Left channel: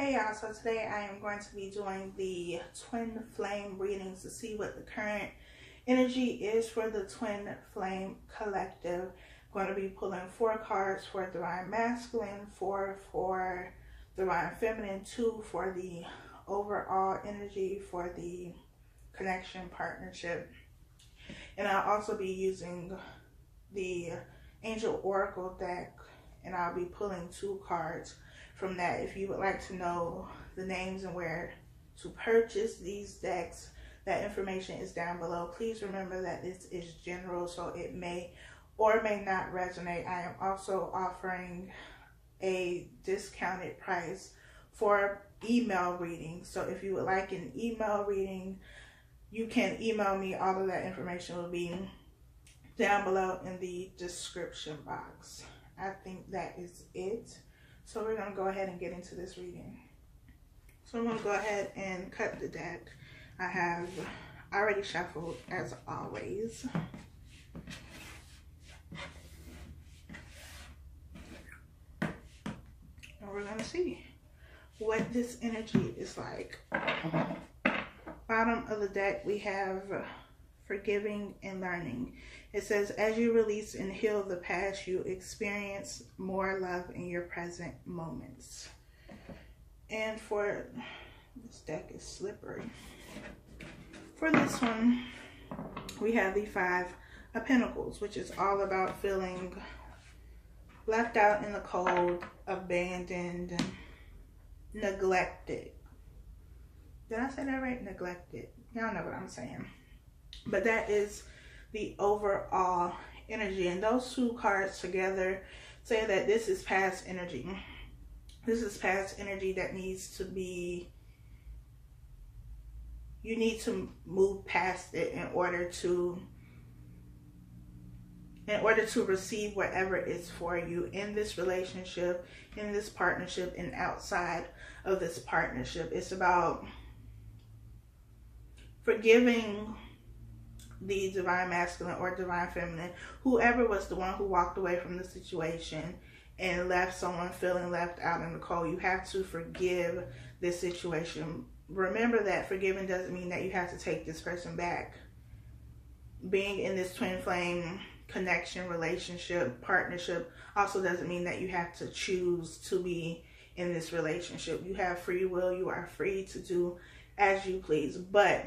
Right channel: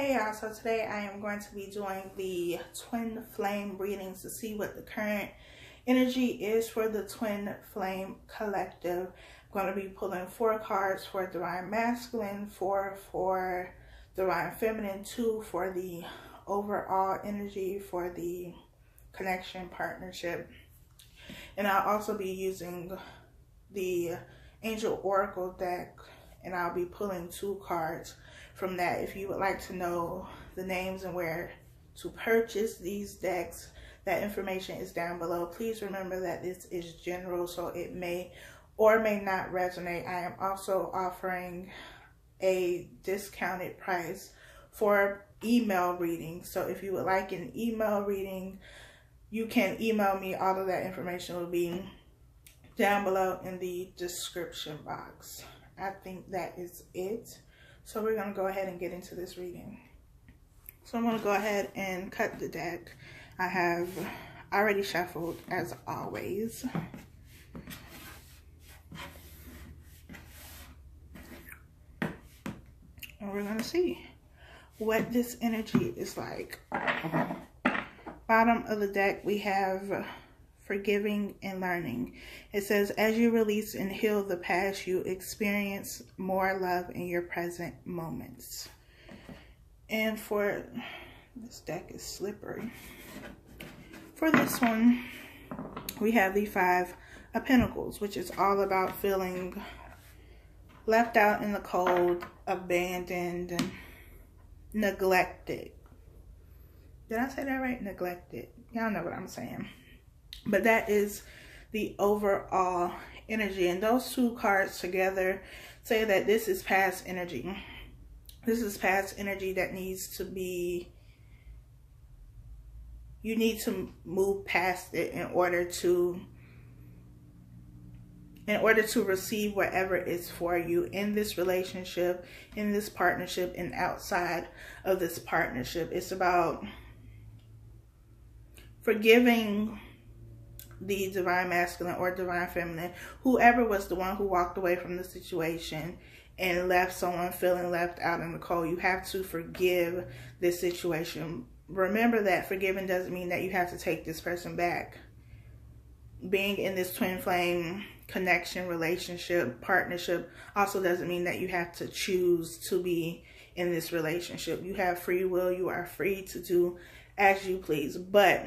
Hey y'all, so today I am going to be doing the twin flame readings to see what the current energy is for the twin flame collective. I'm going to be pulling 4 cards for divine masculine, 4 for divine feminine, 2 for the overall energy for the connection partnership. And I'll also be using the angel oracle deck, and I'll be pulling 2 cards from that. If you would like to know the names and where to purchase these decks, that information is down below. Please remember that this is general, so it may or may not resonate. I am also offering a discounted price for email reading. So if you would like an email reading, you can email me. All of that information will be down below in the description box. I think that is it. So we're going to go ahead and get into this reading. So I'm going to go ahead and cut the deck. I have already shuffled as always. And we're going to see what this energy is like. Bottom of the deck we have forgiving and learning. It says, as you release and heal the past, you experience more love in your present moments. And for this deck is slippery. For this one, we have the 5 of Pentacles, which is all about feeling left out in the cold, abandoned, and neglected. Did I say that right? Neglected. Y'all know what I'm saying. But that is the overall energy. And those 2 cards together say that this is past energy. This is past energy that needs to be, you need to move past it in order to receive whatever is for you in this relationship, in this partnership, and outside of this partnership. It's about forgiving the divine masculine or divine feminine, whoever was the one who walked away from the situation and left someone feeling left out in the cold. You have to forgive this situation. Remember that forgiving doesn't mean that you have to take this person back. Being in this twin flame connection, relationship, partnership also doesn't mean that you have to choose to be in this relationship. You have free will. You are free to do as you please. But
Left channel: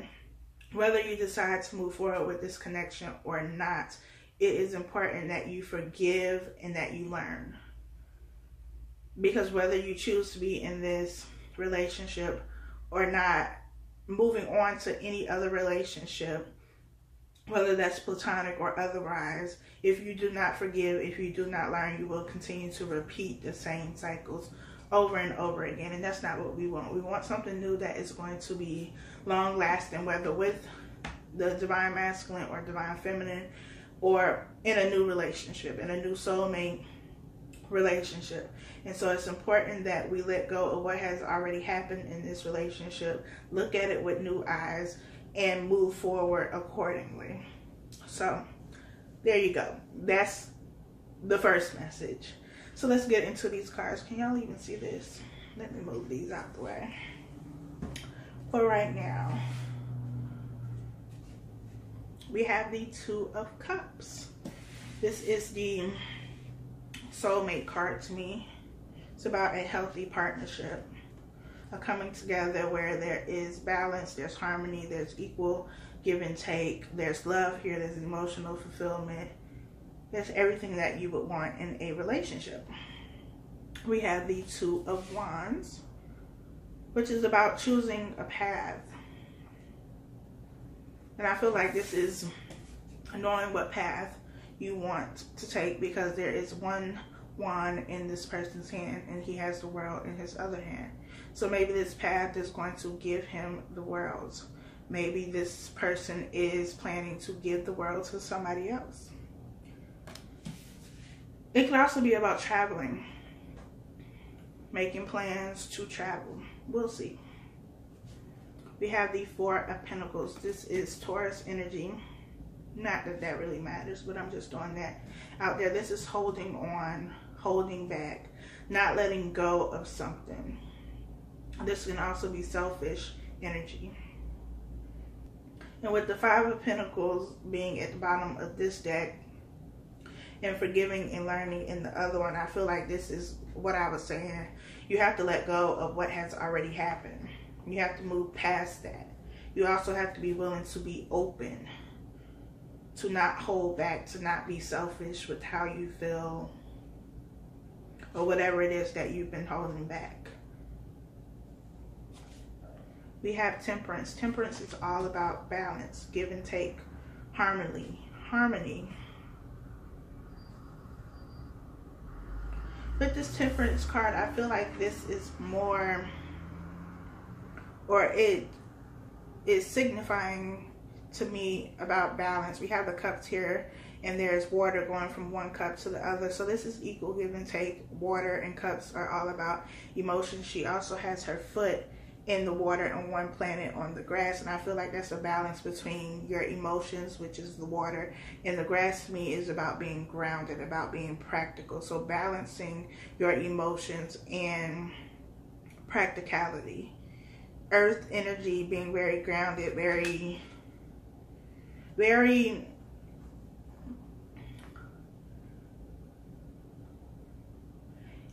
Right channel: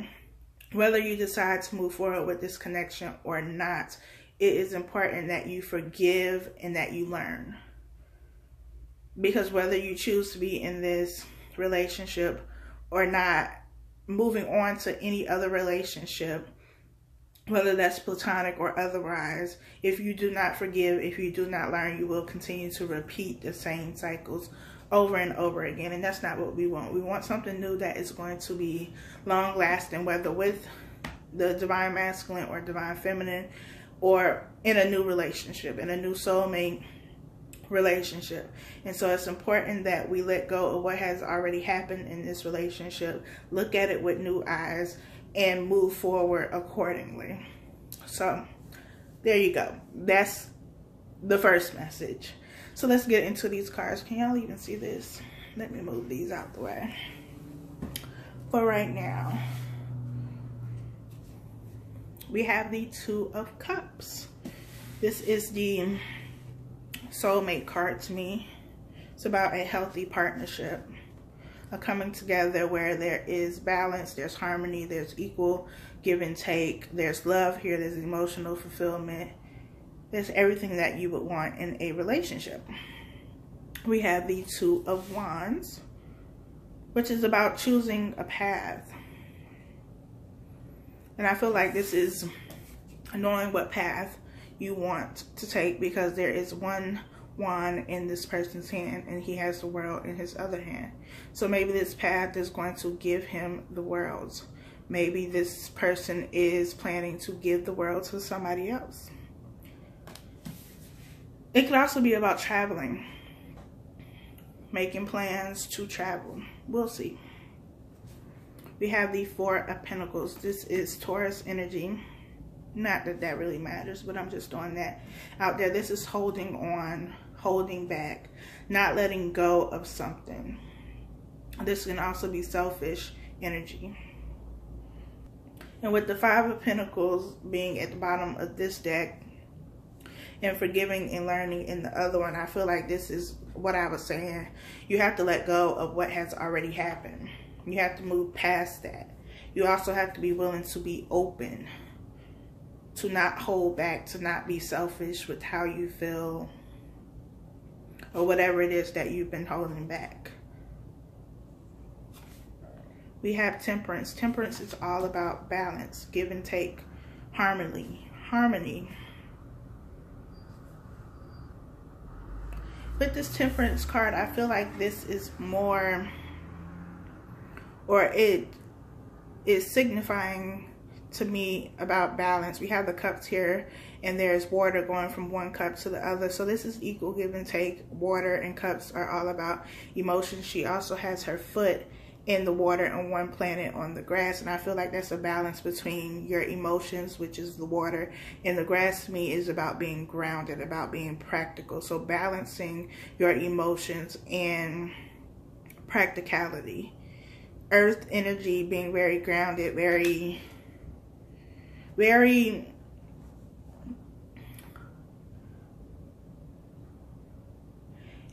whether you decide to move forward with this connection or not, it is important that you forgive and that you learn. Because whether you choose to be in this relationship or not, moving on to any other relationship, whether that's platonic or otherwise, if you do not forgive, if you do not learn, you will continue to repeat the same cycles over and over again. And that's not what we want. We want something new that is going to be long lasting, whether with the divine masculine or divine feminine, or in a new relationship, in a new soulmate relationship. And so it's important that we let go of what has already happened in this relationship, look at it with new eyes, and move forward accordingly. So there you go. That's the first message. So let's get into these cards. Can y'all even see this? Let me move these out the way. For right now, we have the 2 of Cups. This is the soulmate card to me. It's about a healthy partnership, a coming together where there is balance, there's harmony, there's equal give and take, there's love here, there's emotional fulfillment. There's everything that you would want in a relationship. We have the 2 of Wands, which is about choosing a path. And I feel like this is knowing what path you want to take, because there is one wand in this person's hand and he has the world in his other hand. So maybe this path is going to give him the world. Maybe this person is planning to give the world to somebody else. It could also be about traveling, making plans to travel. We'll see. We have the 4 of Pentacles. This is Taurus energy. Not that that really matters, but I'm just throwing that out there. This is holding on, holding back, not letting go of something. This can also be selfish energy. And with the Five of Pentacles being at the bottom of this deck, and forgiving and learning in the other one, I feel like this is what I was saying. You have to let go of what has already happened. You have to move past that. You also have to be willing to be open, to not hold back, to not be selfish with how you feel, or whatever it is that you've been holding back. We have Temperance. Temperance is all about balance, give and take, harmony. With this Temperance card, I feel like this is more, or it is signifying to me about balance. We have the cups here, and there's water going from one cup to the other. So this is equal give and take. Water and cups are all about emotions. She also has her foot in the water and one planet on the grass, and I feel like that's a balance between your emotions, which is the water, and the grass to me is about being grounded, about being practical. So balancing your emotions and practicality. Earth energy being very grounded, very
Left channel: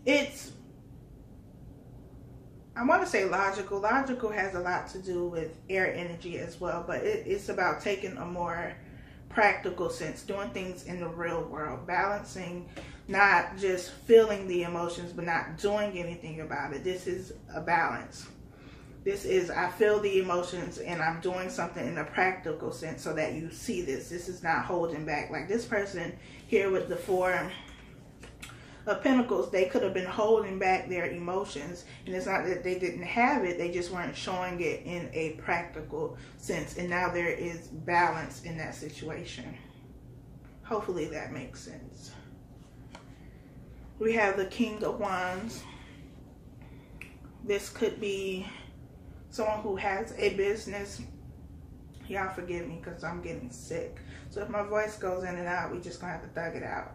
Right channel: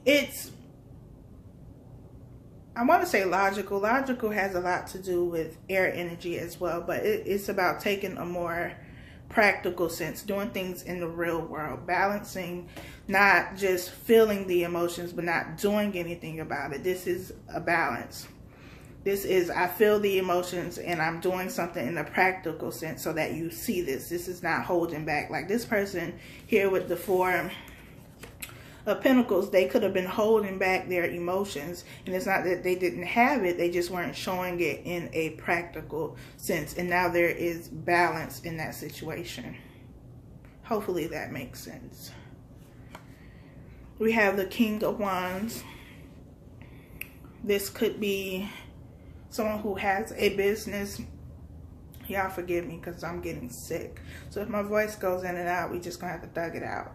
it's, I want to say logical. Logical has a lot to do with air energy as well, but it's about taking a more practical sense, doing things in the real world, balancing, not just feeling the emotions, but not doing anything about it. This is a balance. This is, I feel the emotions and I'm doing something in a practical sense so that you see this. This is not holding back. Like this person here with the Four of Pentacles, they could have been holding back their emotions, and it's not that they didn't have it, they just weren't showing it in a practical sense, and now there is balance in that situation. Hopefully that makes sense. We have the King of Wands. This could be someone who has a business. Y'all forgive me because I'm getting sick, so if my voice goes in and out, we just gonna have to thug it out.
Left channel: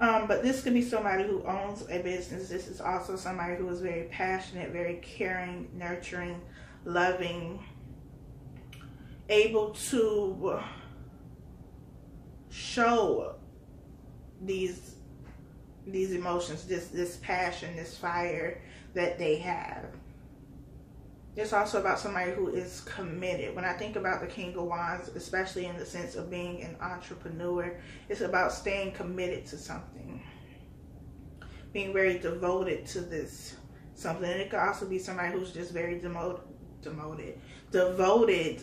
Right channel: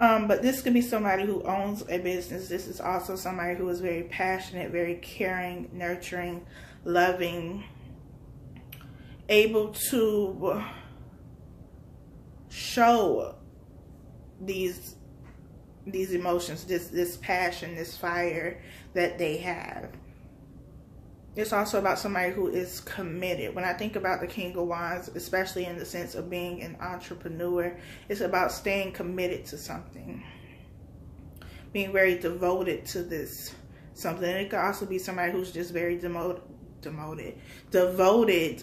But this could be somebody who owns a business. This is also somebody who is very passionate, very caring, nurturing, loving, able to show these emotions, this passion, this fire that they have. It's also about somebody who is committed. When I think about the King of Wands, especially in the sense of being an entrepreneur, it's about staying committed to something, being very devoted to this something. It could also be somebody who's just very devoted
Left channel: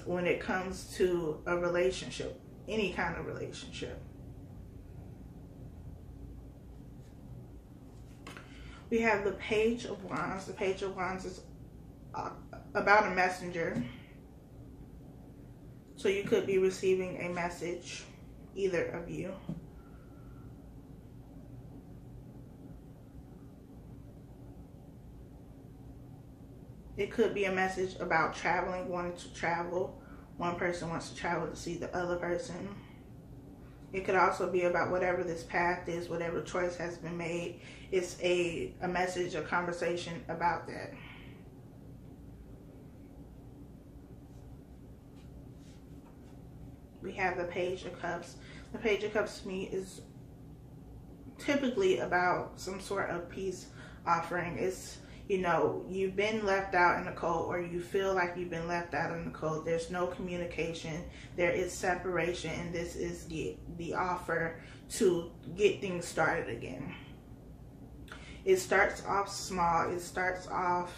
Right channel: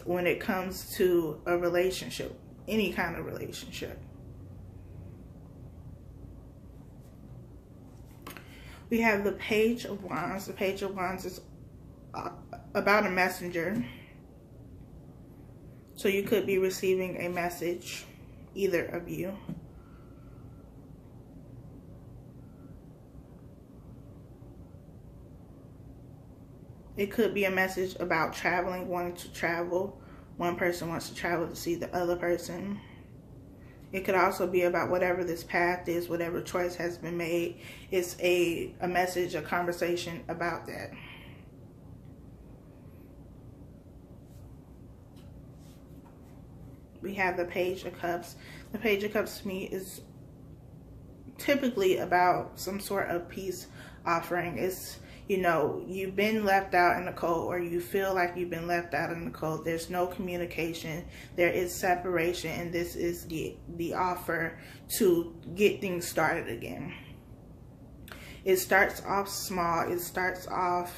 when it comes to a relationship, any kind of relationship. We have the Page of Wands. The Page of Wands is about a messenger. So you could be receiving a message, either of you. It could be a message about traveling, wanting to travel. One person wants to travel to see the other person. It could also be about whatever this path is, whatever choice has been made. It's a message, a conversation about that. We have the Page of Cups. The Page of Cups to me is typically about some sort of peace offering. It's, you know, you've been left out in the cold, or you feel like you've been left out in the cold. There's no communication. There is separation, and this is the offer to get things started again. It starts off small. It starts off,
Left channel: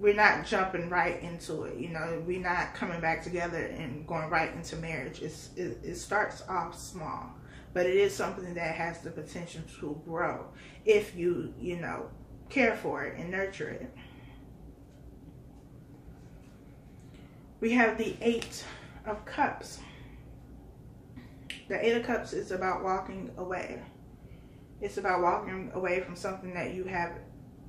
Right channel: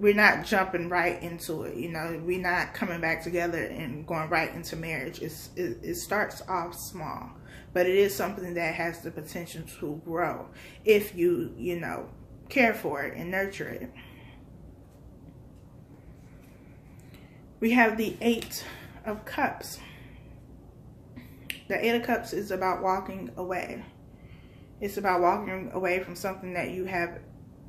we're not jumping right into it, you know, we're not coming back together and going right into marriage. It starts off small, but it is something that has the potential to grow if you know, care for it and nurture it. We have the Eight of Cups. The Eight of Cups is about walking away. It's about walking away from something that you have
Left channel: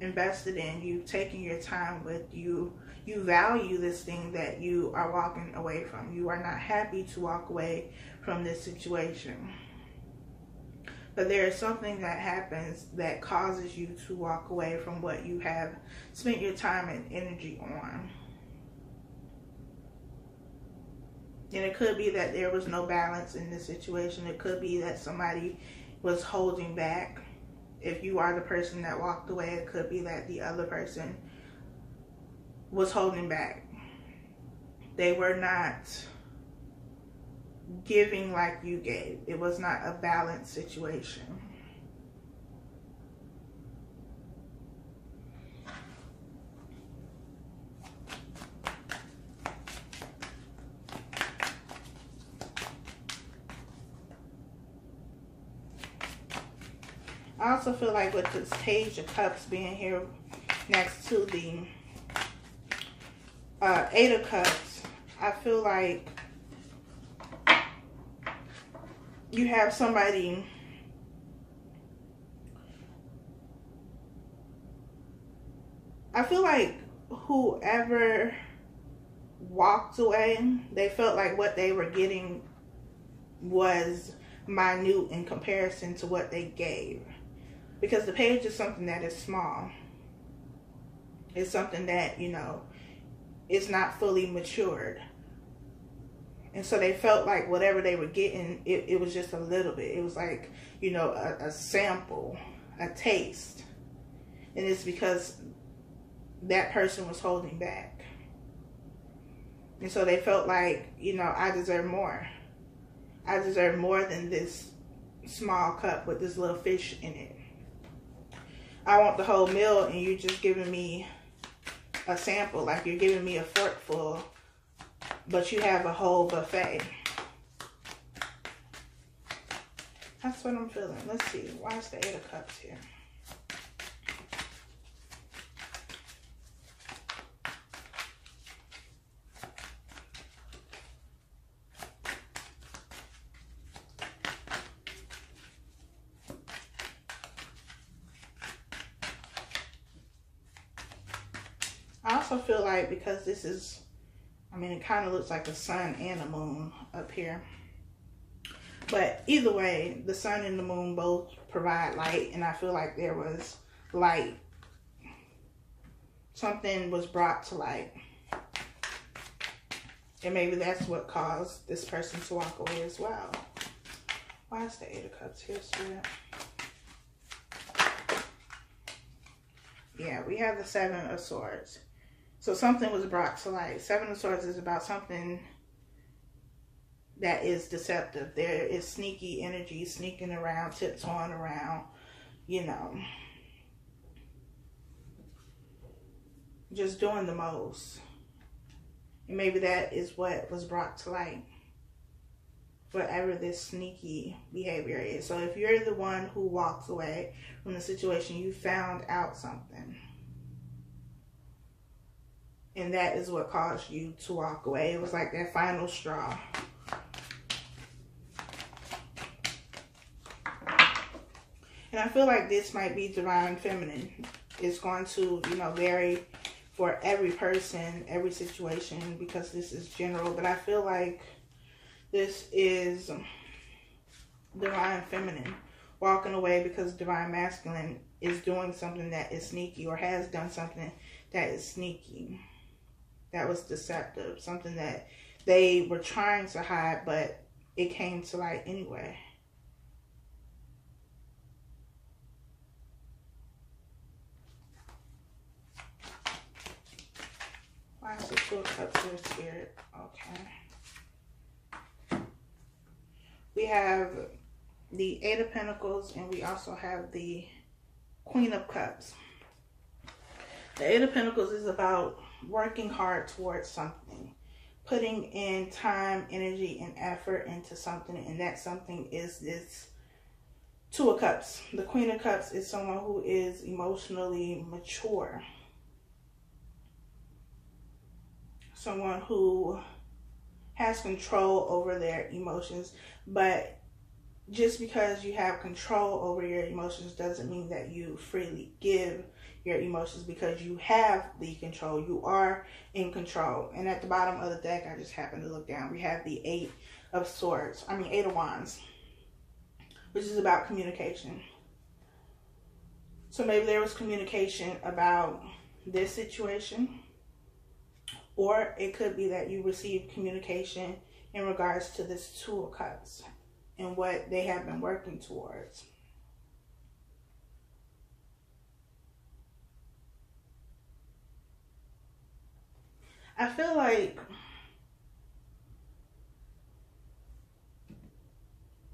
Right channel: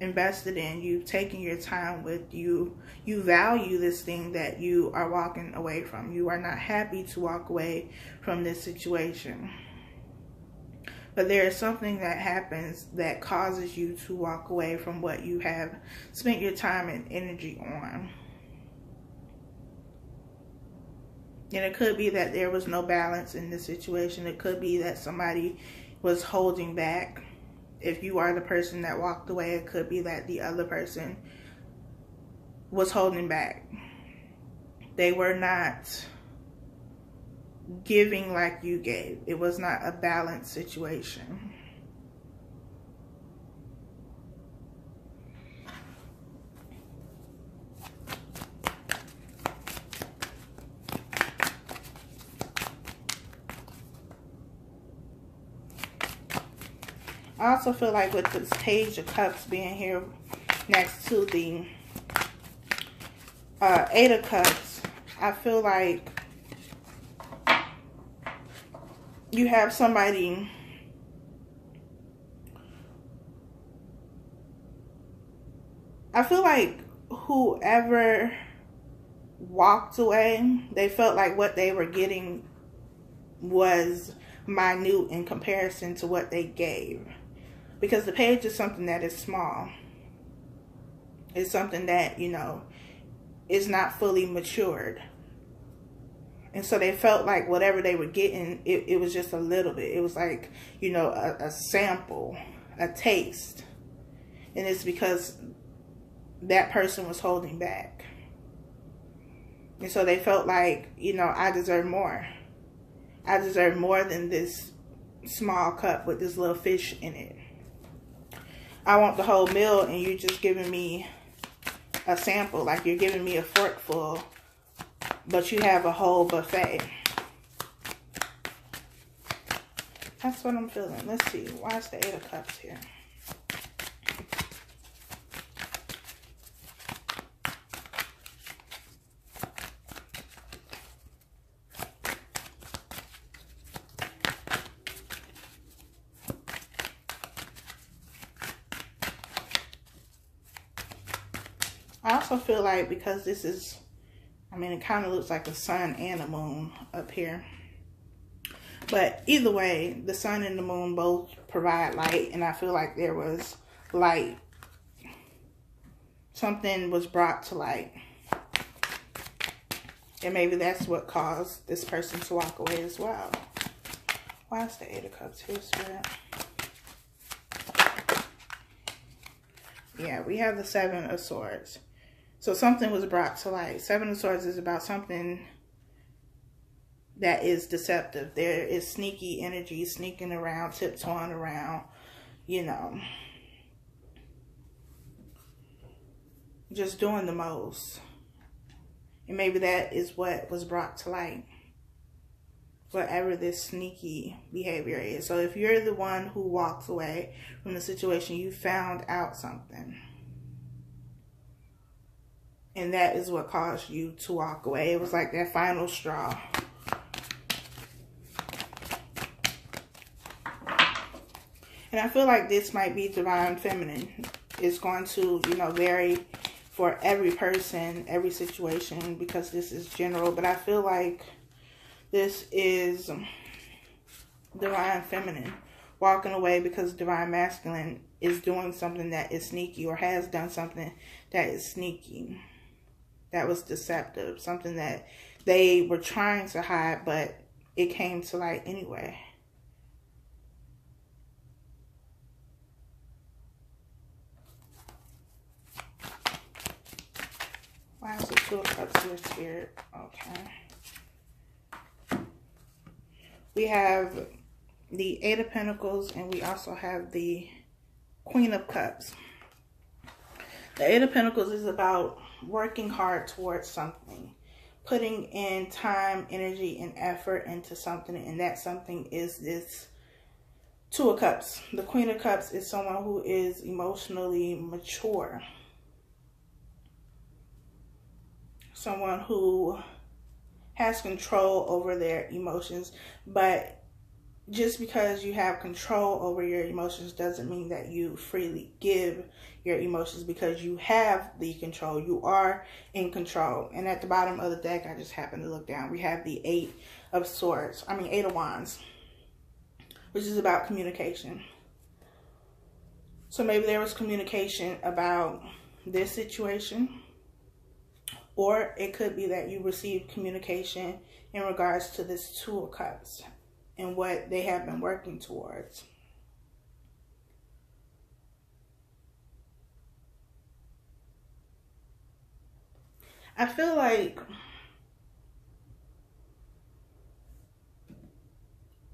invested in, you've taken your time with, you value this thing that you are walking away from. You are not happy to walk away from this situation. But there is something that happens that causes you to walk away from what you have spent your time and energy on. And it could be that there was no balance in the situation. It could be that somebody was holding back. If you are the person that walked away, it could be that the other person was holding back. They were not giving like you gave. It was not a balanced situation. I also feel like with this Page of Cups being here next to the Eight of Cups, I feel like you have somebody I feel like whoever walked away, they felt like what they were getting was minute in comparison to what they gave. Because the Page is something that is small. It's something that, you know, is not fully matured. And so they felt like whatever they were getting, it was just a little bit. It was like, you know, a sample, a taste. And it's because that person was holding back. And so they felt like, you know, I deserve more. I deserve more than this small cup with this little fish in it. I want the whole meal and you're just giving me a sample. Like you're giving me a forkful, but you have a whole buffet. That's what I'm feeling. Let's see. Why is the Eight of Cups here? I also feel like because this is, I mean, it kind of looks like a sun and a moon up here. But either way, the sun and the moon both provide light. And I feel like there was light. Something was brought to light. And maybe that's what caused this person to walk away as well. Why is the Eight of Cups here, Spirit? Yeah, we have the Seven of Swords. So something was brought to light. Seven of Swords is about something that is deceptive. There is sneaky energy sneaking around, tiptoeing around, you know, just doing the most. And maybe that is what was brought to light. Whatever this sneaky behavior is. So if you're the one who walks away from the situation, you found out something. And that is what caused you to walk away. It was like that final straw. And I feel like this might be divine feminine. It's going to, you know, vary for every person, every situation, because this is general. But I feel like this is divine feminine walking away because divine masculine is doing something that is sneaky or has done something that is sneaky. That was deceptive. Something that they were trying to hide, but it came to light anyway. Why is the Two of Cups here, Spirit? Okay. We have the Eight of Pentacles and we also have the Queen of Cups. The Eight of Pentacles is about working hard towards something, putting in time, energy, and effort into something, and that something is this Two of Cups. The Queen of Cups is someone who is emotionally mature, someone who has control over their emotions, but just because you have control over your emotions doesn't mean that you freely give your emotions, because you have the control. You are in control. And at the bottom of the deck, I just happened to look down, we have the Eight of Swords. I mean, Eight of Wands. which is about communication. So maybe there was communication about this situation, or it could be that you received communication in regards to this Two of Cups and what they have been working towards. I feel like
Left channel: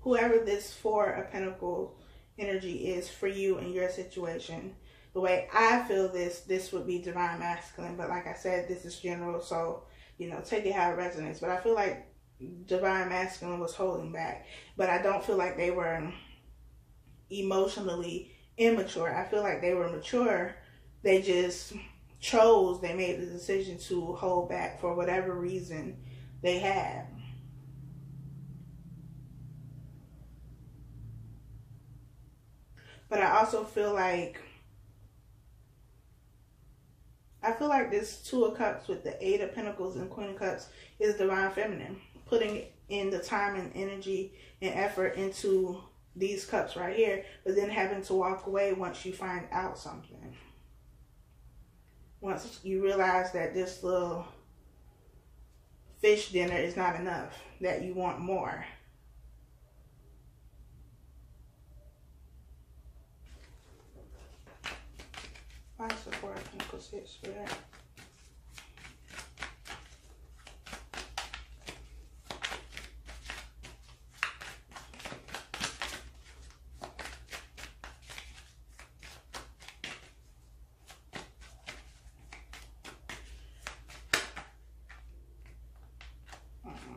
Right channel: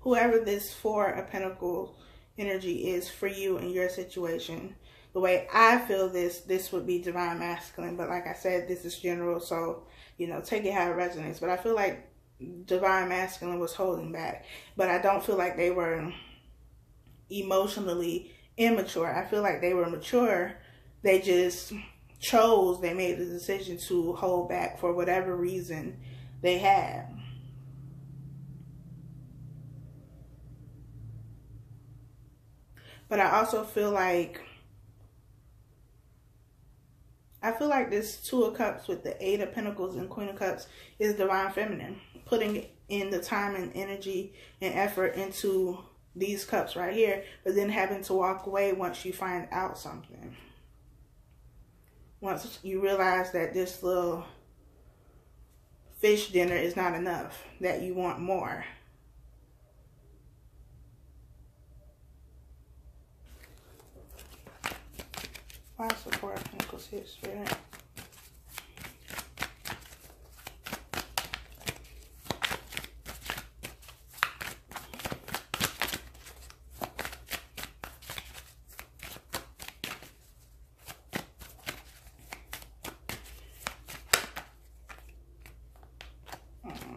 whoever this Four of Pentacles energy is for you in your situation, the way I feel this would be divine masculine. But like I said, this is general, so, you know, take it how it resonates. But I feel like divine masculine was holding back. But I don't feel like they were emotionally immature. I feel like they were mature. They just they made the decision to hold back for whatever reason they had. But I also feel like this Two of Cups with the Eight of Pentacles and Queen of Cups is divine feminine, putting in the time and energy and effort into these cups right here, but then having to walk away once you find out something. Once you realize that this little fish dinner is not enough, that you want more. Why is the Four of Pentacles here, Spirit?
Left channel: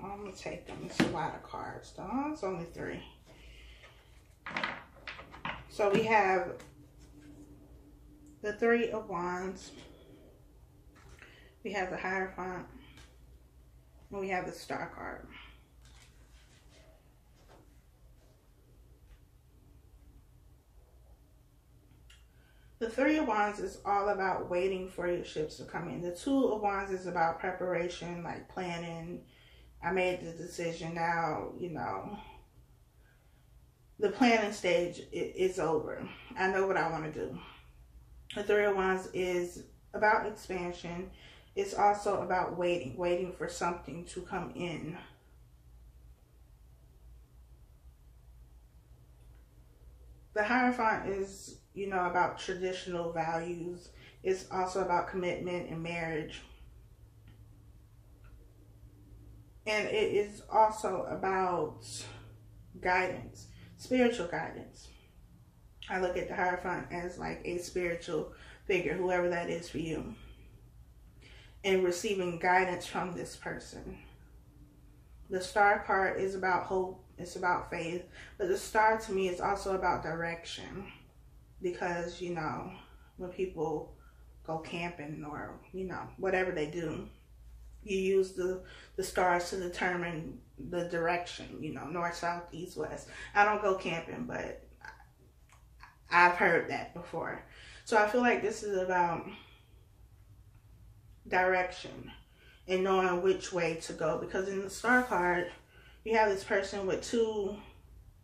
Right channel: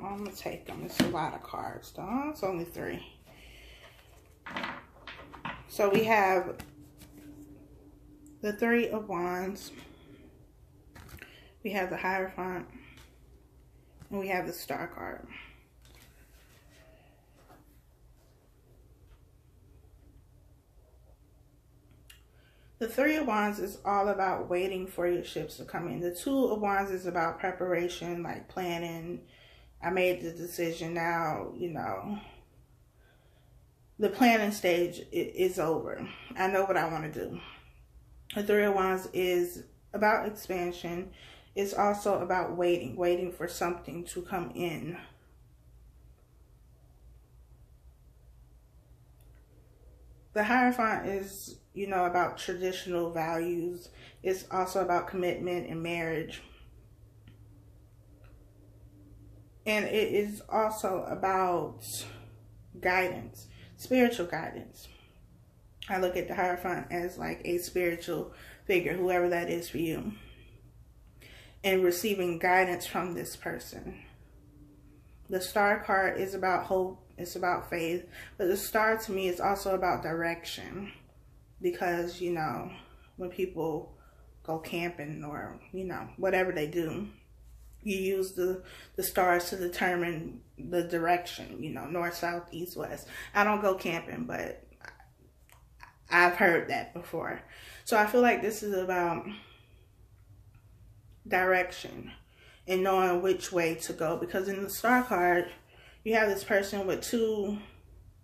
I'm going to take them. It's a lot of cards, though. It's only 3. So we have the Three of Wands. We have the Hierophant. And we have the Star card. The Three of Wands is all about waiting for your ships to come in. The Two of Wands is about preparation, like planning. I made the decision now, you know. The planning stage is over. I know what I want to do. The Three of Wands is about expansion. It's also about waiting for something to come in. The Hierophant is, you know, about traditional values. It's also about commitment and marriage. And it is also about guidance, spiritual guidance. I look at the Hierophant as like a spiritual figure, whoever that is for you. And receiving guidance from this person. The Star card is about hope. It's about faith. But the Star to me is also about direction. Because, you know, when people go camping or, you know, whatever they do, you use the stars to determine the direction, you know, north, south, east, west. I don't go camping, but I've heard that before. So I feel like this is about direction and knowing which way to go. Because in the Star card, you have this person with 2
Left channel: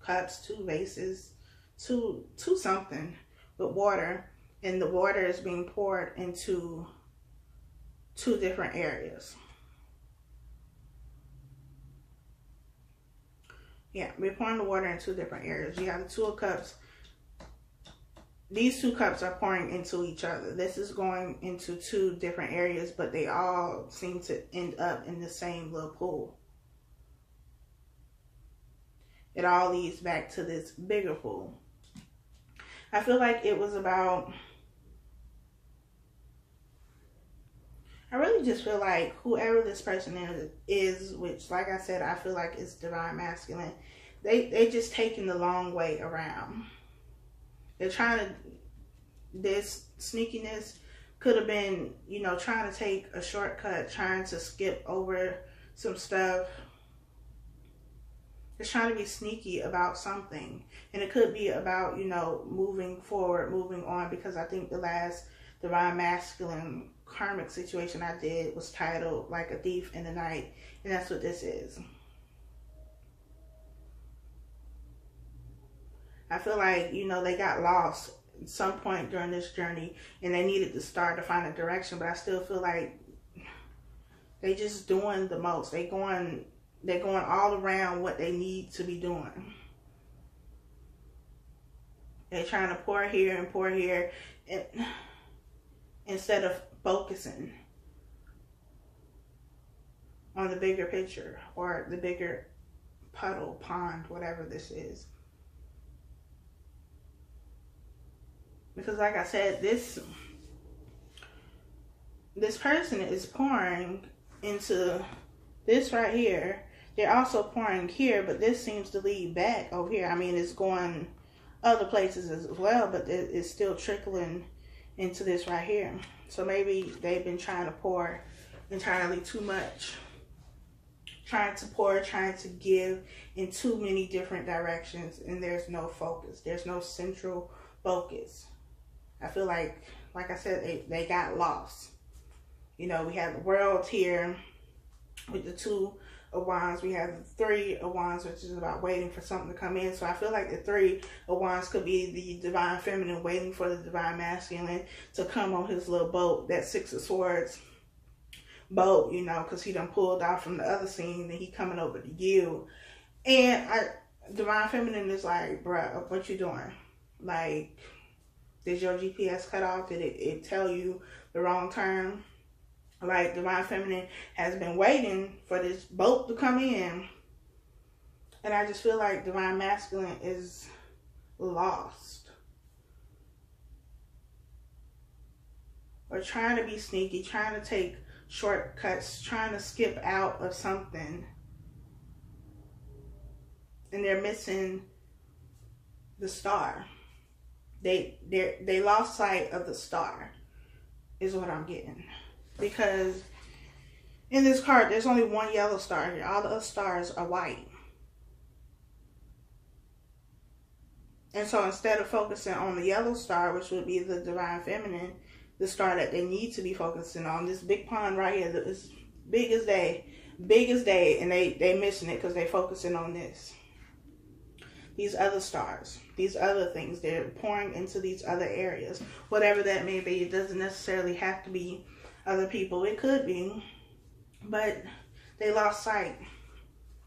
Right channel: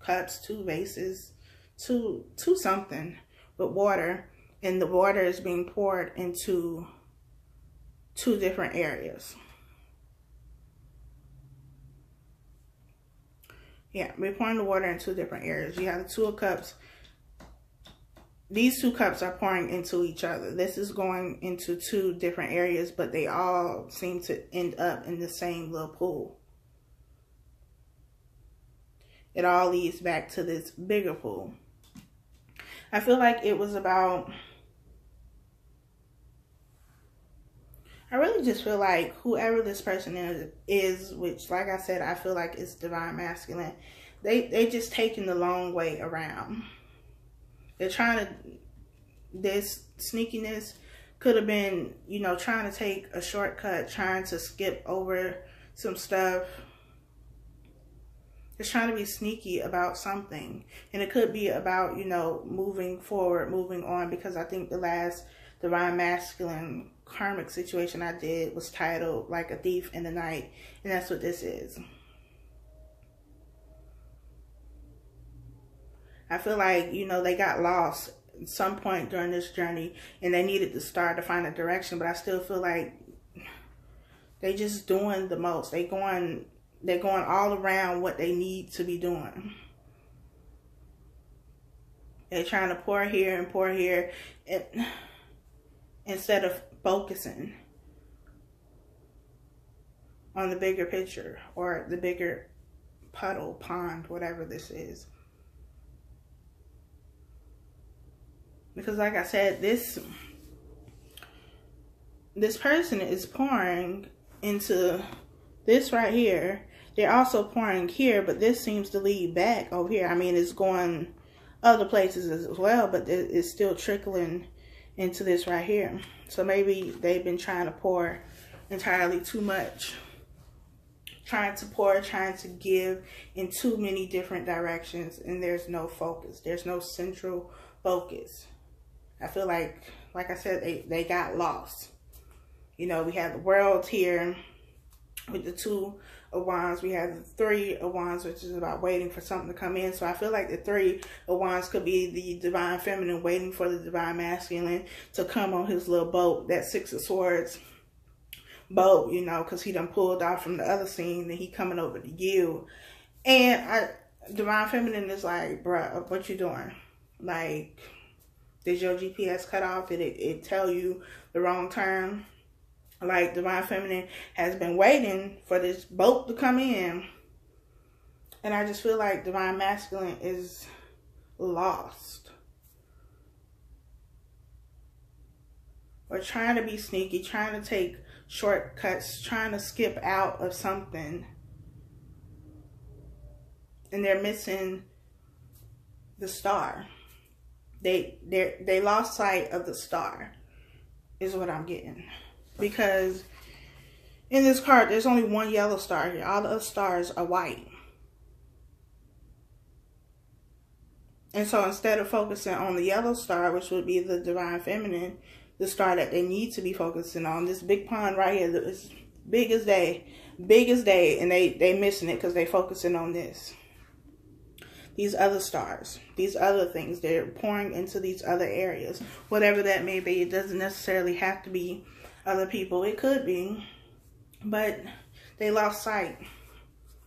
cups, 2 vases, two something, but water. And the water is being poured into 2 different areas. Yeah, we're pouring the water in 2 different areas. You have the Two of Cups. These 2 cups are pouring into each other. This is going into 2 different areas, but they all seem to end up in the same little pool. It all leads back to this bigger pool. I feel like it was about... I really just feel like whoever this person is, which, like I said, I feel like it's divine masculine, they just taking the long way around. They're trying to, this sneakiness could have been, you know, trying to take a shortcut, trying to skip over some stuff. It's trying to be sneaky about something. And it could be about, you know, moving forward, moving on, because I think the last divine masculine karmic situation I did was titled like a thief in the night, and that's what this is. I feel like, you know, they got lost at some point during this journey and they needed to start to find a direction, but I still feel like they just doing the most. They're going all around what they need to be doing. They're trying to pour here and pour here instead of focusing on the bigger picture or the bigger puddle, pond, whatever this is. Because like I said, this person is pouring into this right here. They're also pouring here, but this seems to lead back over here. I mean, it's going other places as well, but it's still trickling into this right here. So maybe they've been trying to pour entirely too much. Trying to pour, trying to give in too many different directions, and there's no focus. There's no central focus. I feel like I said, they got lost. You know, we have the world here with the 2 of Wands. We have the 3 of Wands, which is about waiting for something to come in. So I feel like the 3 of Wands could be the divine feminine waiting for the divine masculine to come on his little boat, that 6 of Swords boat, you know, because he done pulled off from the other scene, and he coming over to you. And divine feminine is like, bruh, what you doing? Like, did your GPS cut off? Did it tell you the wrong turn? Like, divine feminine has been waiting for this boat to come in. And I just feel like divine masculine is lost. Or trying to be sneaky, trying to take shortcuts, trying to skip out of something. And they're missing the star. They lost sight of the star, is what I'm getting. Because in this card, there's only one yellow star here. All the other stars are white. And so instead of focusing on the yellow star, which would be the divine feminine, the star that they need to be focusing on, this big pond right here, is big as day, and they missing it because they focusing on this. These other stars, these other things, they're pouring into these other areas. Whatever that may be, it doesn't necessarily have to be other people. It could be, but they lost sight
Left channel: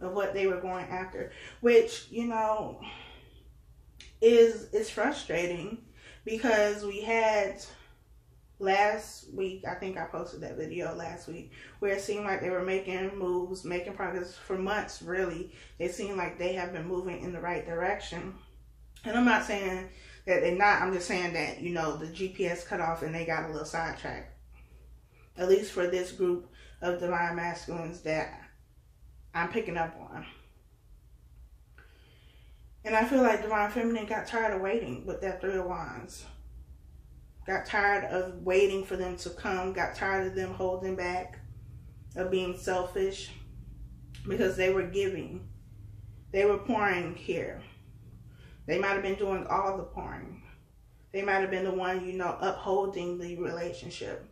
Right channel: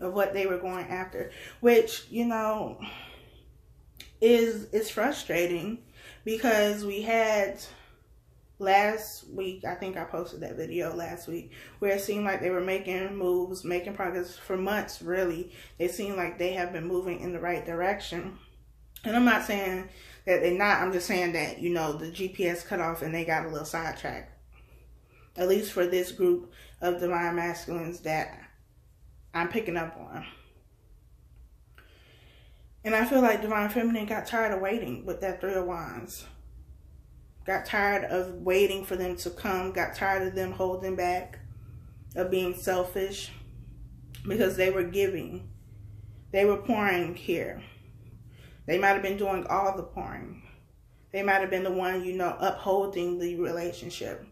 of what they were going after, which, you know, is frustrating, because we had last week, I think I posted that video last week, where it seemed like they were making moves, making progress for months, really. It seemed like they have been moving in the right direction. And I'm not saying that they're not. I'm just saying that, you know, the GPS cut off and they got a little sidetracked. At least for this group of divine masculines that I'm picking up on. And I feel like divine feminine got tired of waiting with that 3 of Wands. Got tired of waiting for them to come. Got tired of them holding back, of being selfish, because they were giving. They were pouring here. They might have been doing all the pouring. They might have been the one, you know, upholding the relationship.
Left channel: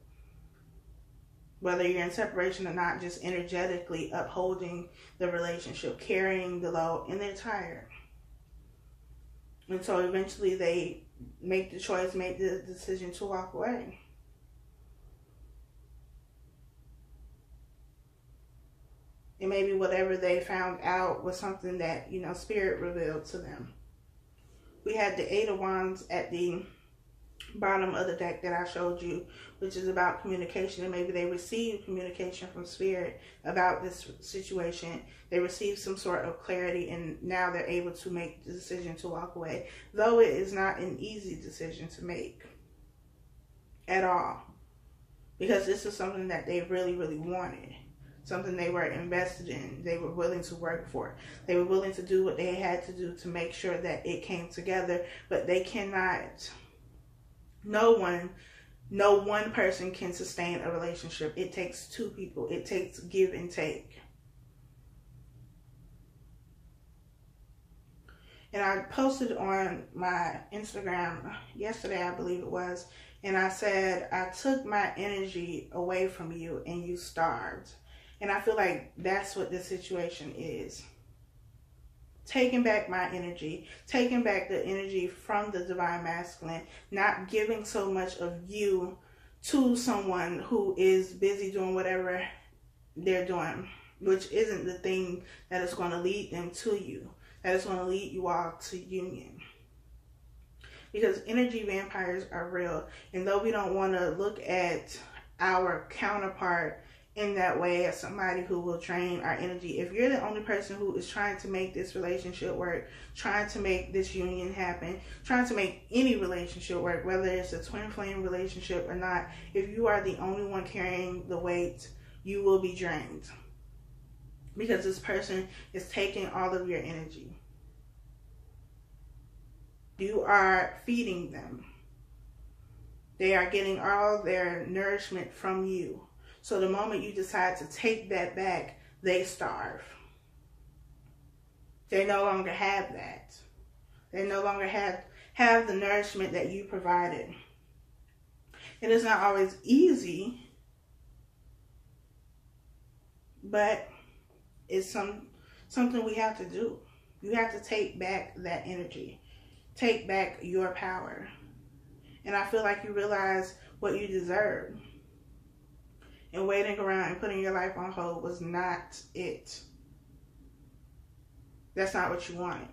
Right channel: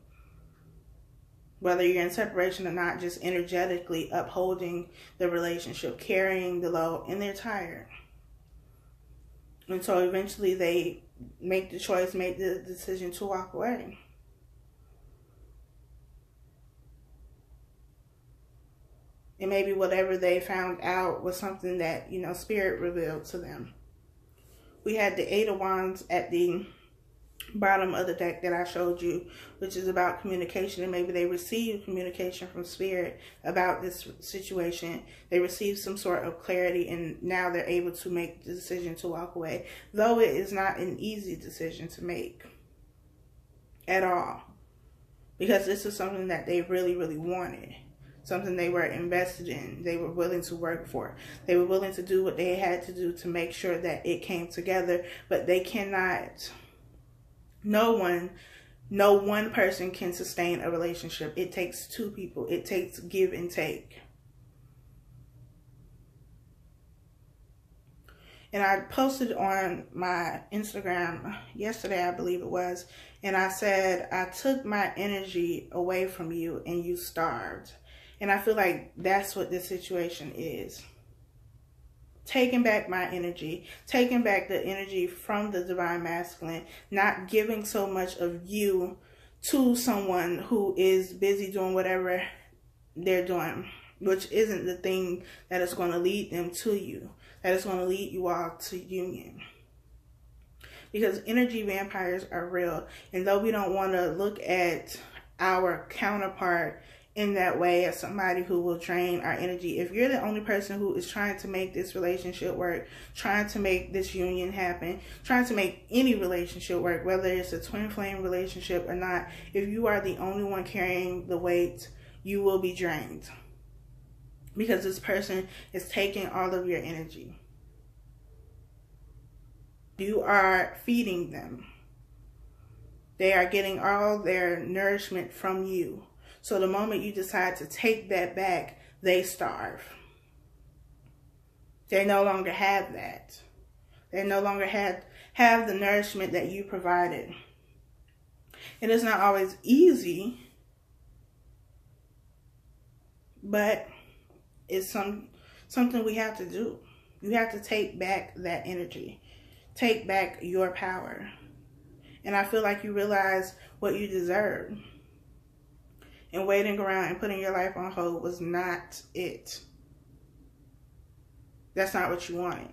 Whether you're in separation or not, just energetically upholding the relationship, carrying the load, and they're tired. And so eventually they make the choice, make the decision to walk away. And maybe whatever they found out was something that, you know, Spirit revealed to them. We had the 8 of Wands at the bottom of the deck that I showed you, which is about communication. And maybe they received communication from Spirit about this situation. They received some sort of clarity, and now they're able to make the decision to walk away. Though it is not an easy decision to make at all, because this is something that they really, really wanted. Something they were invested in. They were willing to work for. They were willing to do what they had to do to make sure that it came together. But they cannot... No one person can sustain a relationship. It takes 2 people. It takes give and take. And I posted on my Instagram yesterday, I believe it was, and I said, I took my energy away from you and you starved. And I feel like that's what this situation is. taking back my energy, taking back the energy from the divine masculine, not giving so much of you to someone who is busy doing whatever they're doing, which isn't the thing that is going to lead them to you, that is going to lead you all to union. Because energy vampires are real. And though we don't want to look at our counterpart in that way, as somebody who will drain our energy, if you're the only person who is trying to make this relationship work, trying to make this union happen, trying to make any relationship work, whether it's a twin flame relationship or not, if you are the only one carrying the weight, you will be drained. Because this person is taking all of your energy. You are feeding them. They are getting all their nourishment from you. So the moment you decide to take that back, they starve. They no longer have that. They no longer have the nourishment that you provided. It is not always easy, but it's something we have to do. You have to take back that energy. Take back your power. And I feel like you realize what you deserve. And waiting around and putting your life on hold was not it. That's not what you wanted.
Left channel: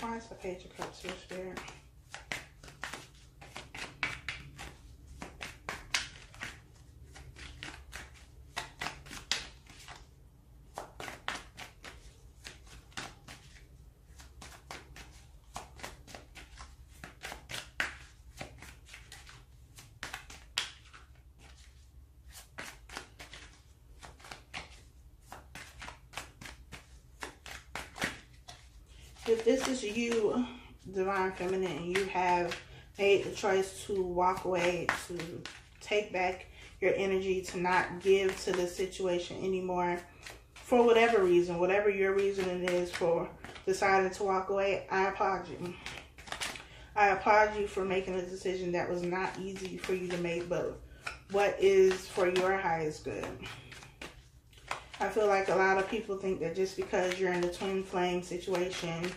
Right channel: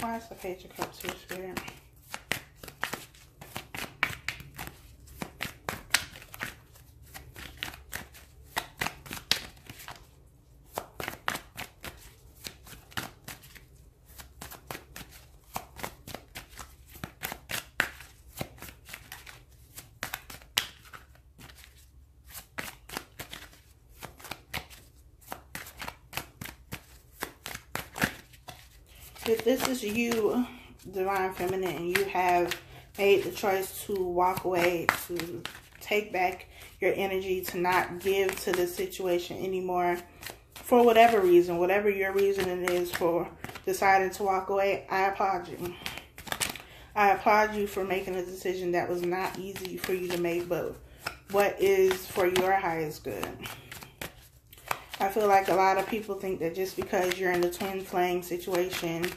Why is the Page of Cups here, Spirit? If this is you, Divine Feminine, and you have made the choice to walk away, to take back your energy, to not give to this situation anymore, for whatever reason, whatever your reasoning is for deciding to walk away, I applaud you. I applaud you for making a decision that was not easy for you to make, but what is for your highest good. I feel like a lot of people think that just because you're in a twin flame situation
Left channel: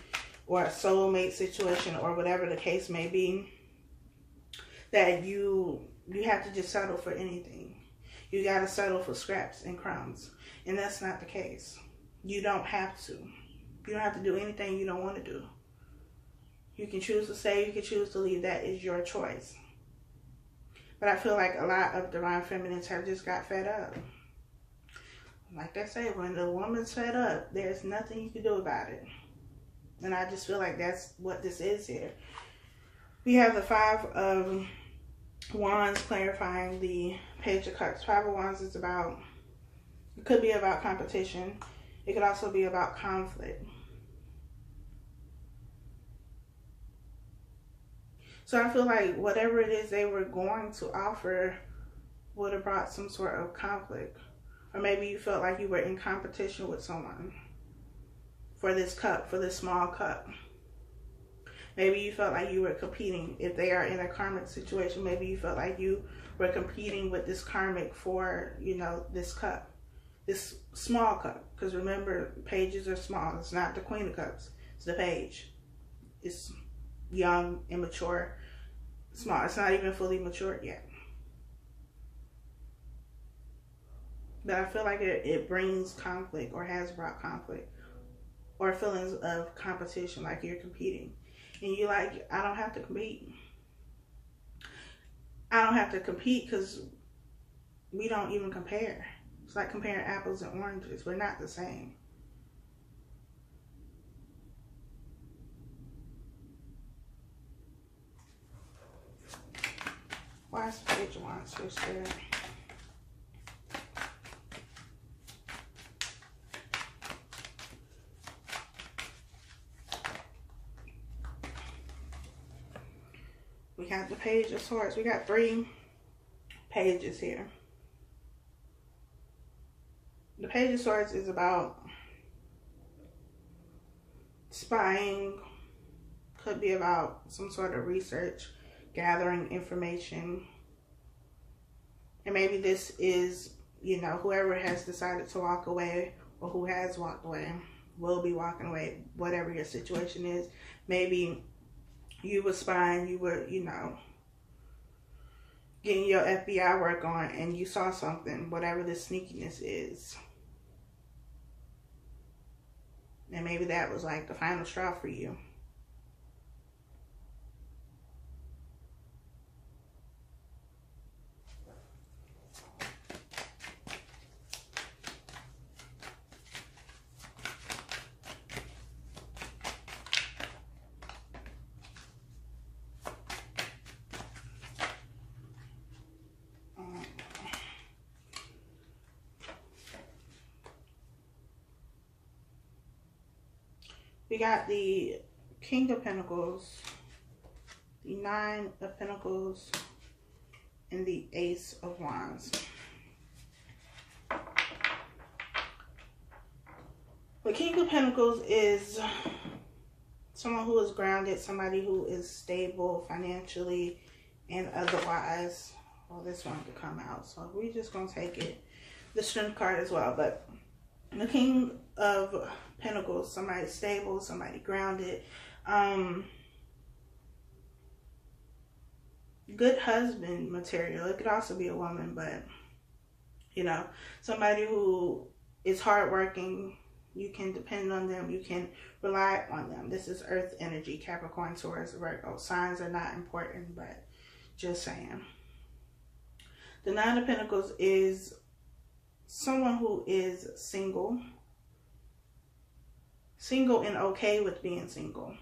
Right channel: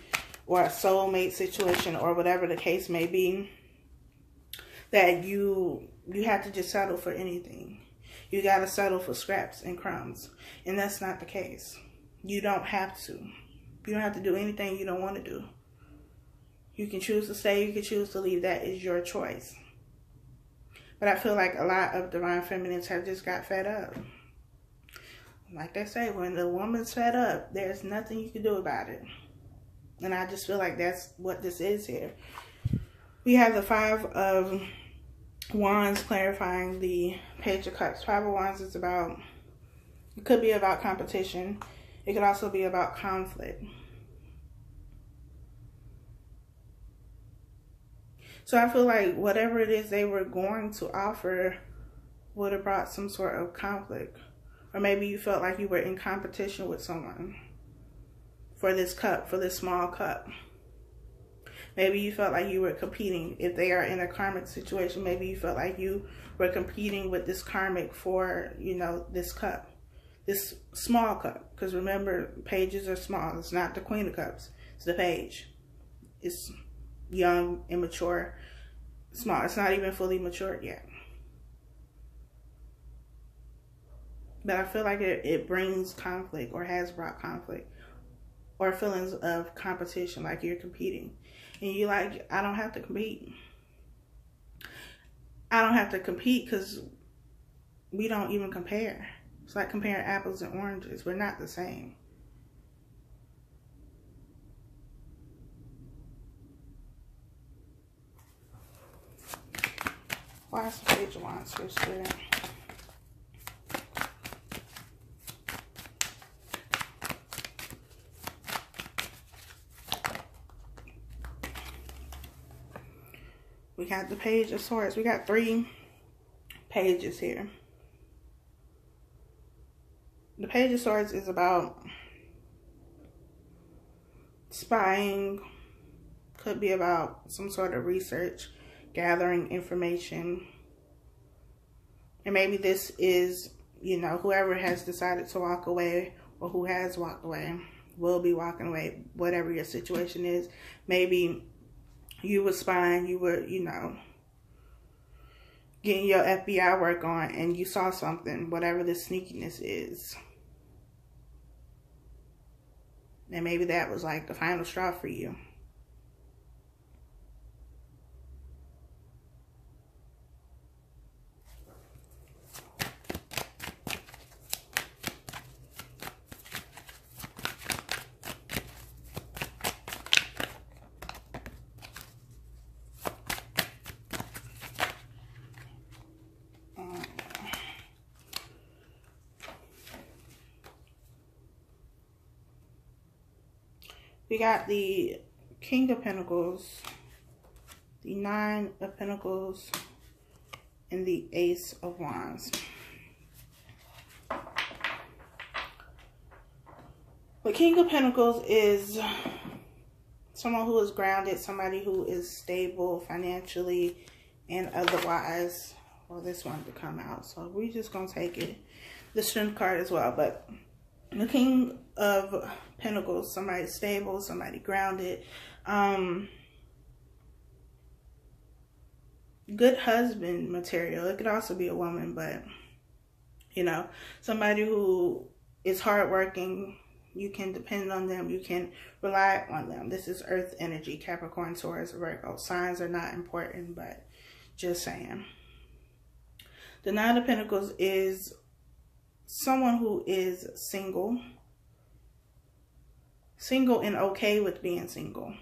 or a soulmate situation or whatever the case may be, that you have to just settle for anything. You got to settle for scraps and crumbs. And that's not the case. You don't have to. You don't have to do anything you don't want to do. You can choose to stay, you can choose to leave. That is your choice. But I feel like a lot of Divine Feminines have just got fed up. Like they say, when the woman's fed up, there's nothing you can do about it. And I just feel like that's what this is here. We have the Five of Wands clarifying the Page of Cups. Five of Wands is about, it could be about competition. It could also be about conflict. So I feel like whatever it is they were going to offer would have brought some sort of conflict. Or maybe you felt like you were in competition with someone for this cup, for this small cup. Maybe you felt like you were competing. If they are in a karmic situation, maybe you felt like you were competing with this karmic for, you know, this cup. This small cup. Because remember, pages are small. It's not the Queen of Cups. It's the page. It's young, immature, small. It's not even fully matured yet. But I feel like it brings conflict, or has brought conflict, or feelings of competition, like you're competing. And you're like, I don't have to compete. I don't have to compete because we don't even compare. It's like comparing apples and oranges. We're not the same. Why is the Page of Wands so Spirit? We got the Page of Swords. We got 3 pages here. The Page of Swords is about spying. Could be about some sort of research, gathering information. And maybe this is, you know, whoever has decided to walk away or who has walked away will be walking away, whatever your situation is. Maybe you were spying, you were, you know, getting your FBI work on and you saw something, whatever this sneakiness is. And maybe that was like the final straw for you. We got the King of Pentacles, the Nine of Pentacles, and the Ace of Wands. The King of Pentacles is someone who is grounded, somebody who is stable financially and otherwise. Well, this wanted to come out, so we're just going to take it. The Strength card as well, but the King of Pentacles, somebody stable, somebody grounded, good husband material. It could also be a woman, but you know, somebody who is hardworking. You can depend on them. You can rely on them. This is Earth energy, Capricorn, Taurus, Virgo. Signs are not important, but just saying. The Nine of Pentacles is someone who is single. Single and okay with being single.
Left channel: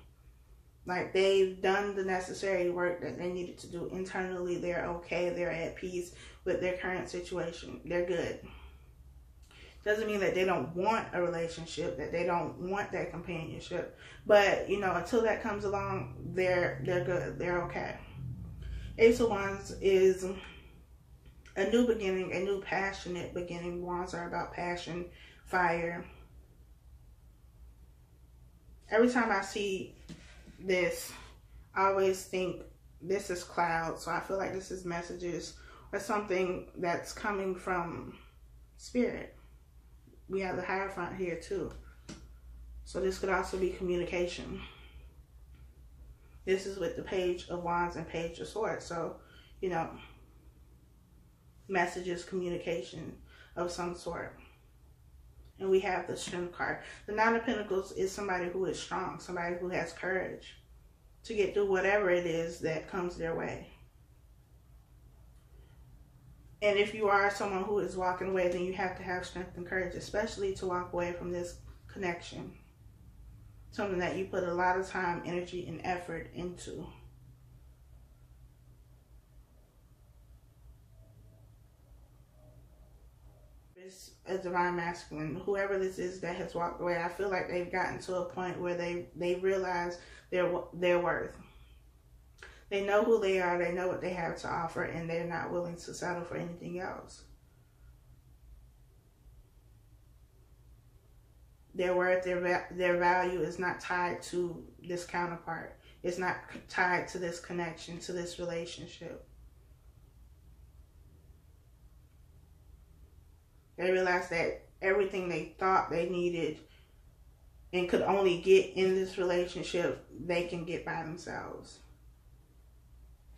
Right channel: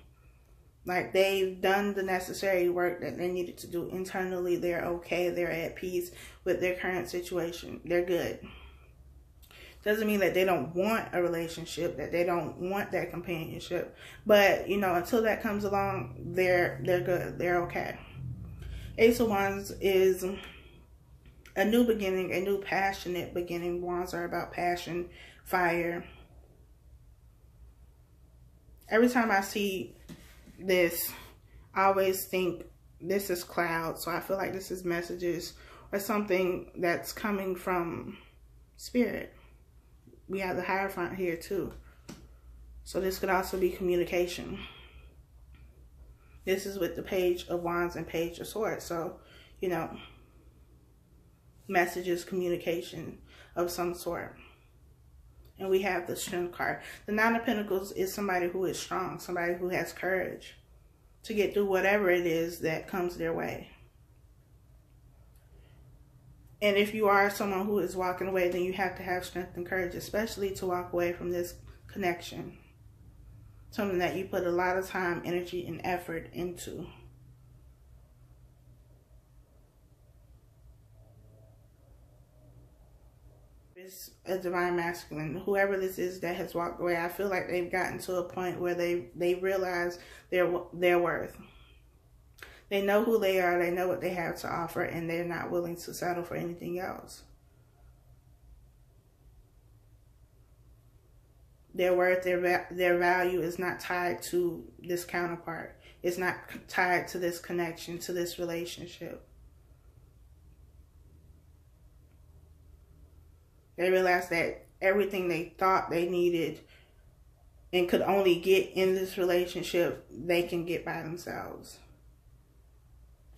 Like they've done the necessary work that they needed to do internally. They're okay. They're at peace with their current situation. They're good. Doesn't mean that they don't want a relationship, that they don't want that companionship. But, you know, until that comes along, they're good. They're okay. Ace of Wands is a new beginning, a new passionate beginning. Wands are about passion, fire. Every time I see this, I always think this is clouds. So I feel like this is messages or something that's coming from spirit. We have the Hierophant here too. So this could also be communication. This is with the Page of Wands and Page of Swords. So, you know, messages, communication of some sort. And we have the Strength card. The Nine of Pentacles is somebody who is strong, somebody who has courage to get through whatever it is that comes their way. And if you are someone who is walking away, then you have to have strength and courage, especially to walk away from this connection. Something that you put a lot of time, energy, and effort into. It's a divine masculine. Whoever this is that has walked away, I feel like they've gotten to a point where they realize their worth. They know who they are, they know what they have to offer, and they're not willing to settle for anything else. Their worth, their value is not tied to this counterpart. It's not tied to this connection, to this relationship. They realize that everything they thought they needed and could only get in this relationship, they can get by themselves.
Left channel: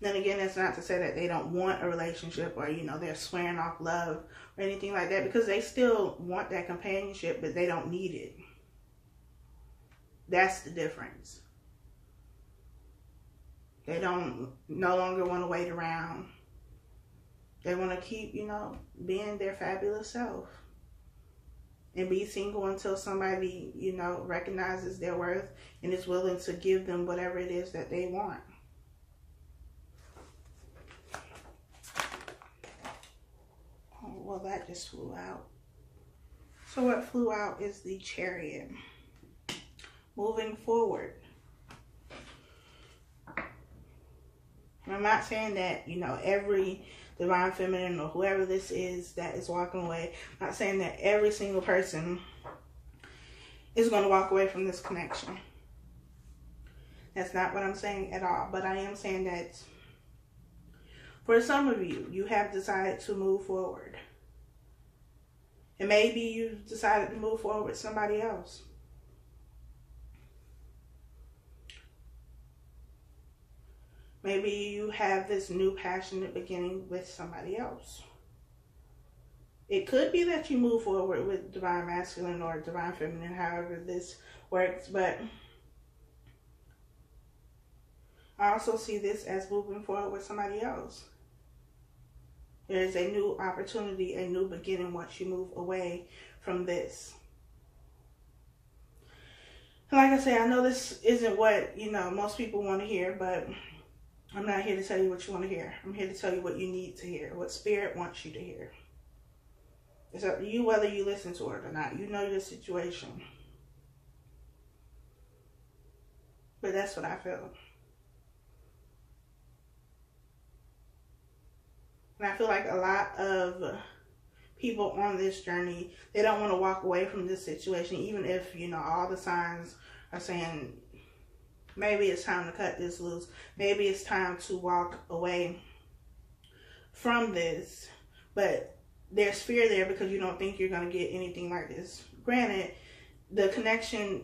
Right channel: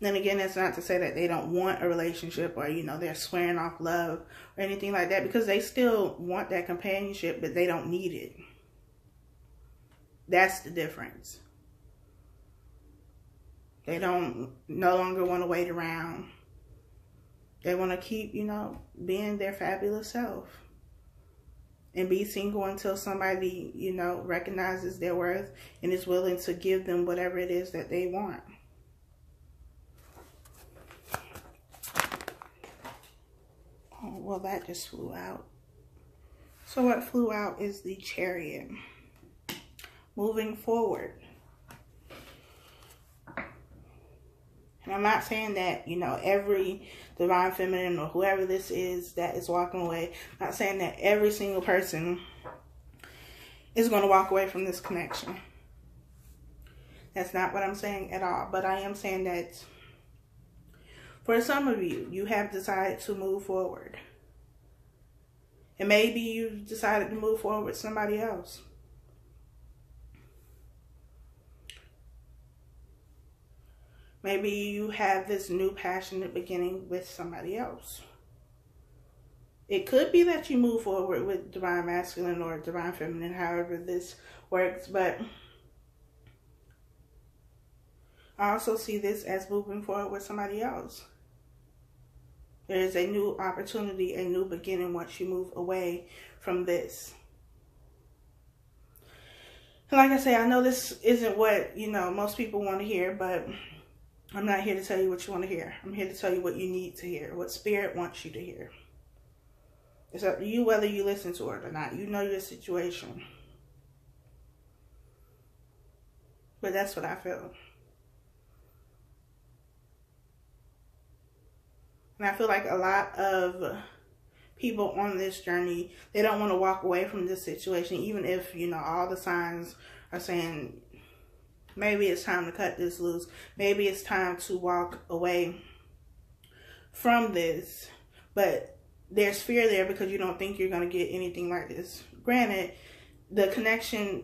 Then again, it's not to say that they don't want a relationship or, you know, they're swearing off love or anything like that, because they still want that companionship, but they don't need it. That's the difference. They don't no longer want to wait around. They want to keep, you know, being their fabulous self and be single until somebody, you know, recognizes their worth and is willing to give them whatever it is that they want. Well, that just flew out. So what flew out is the Chariot. Moving forward. And I'm not saying that, you know, every divine feminine or whoever this is that is walking away, I'm not saying that every single person is going to walk away from this connection. That's not what I'm saying at all. But I am saying that For some of you, you have decided to move forward. And maybe you decided to move forward with somebody else. Maybe you have this new passionate beginning with somebody else. It could be that you move forward with divine masculine or divine feminine, however this works, but I also see this as moving forward with somebody else. There is a new opportunity, a new beginning once you move away from this. And like I say, I know this isn't what, most people want to hear, but I'm not here to tell you what you want to hear. I'm here to tell you what you need to hear, what Spirit wants you to hear. It's up to you whether you listen to it or not. You know your situation. But that's what I feel. And I feel like a lot of people on this journey, they don't want to walk away from this situation, even if, all the signs are saying, maybe it's time to cut this loose. Maybe it's time to walk away from this. But there's fear there because you don't think you're going to get anything like this. Granted, the connection,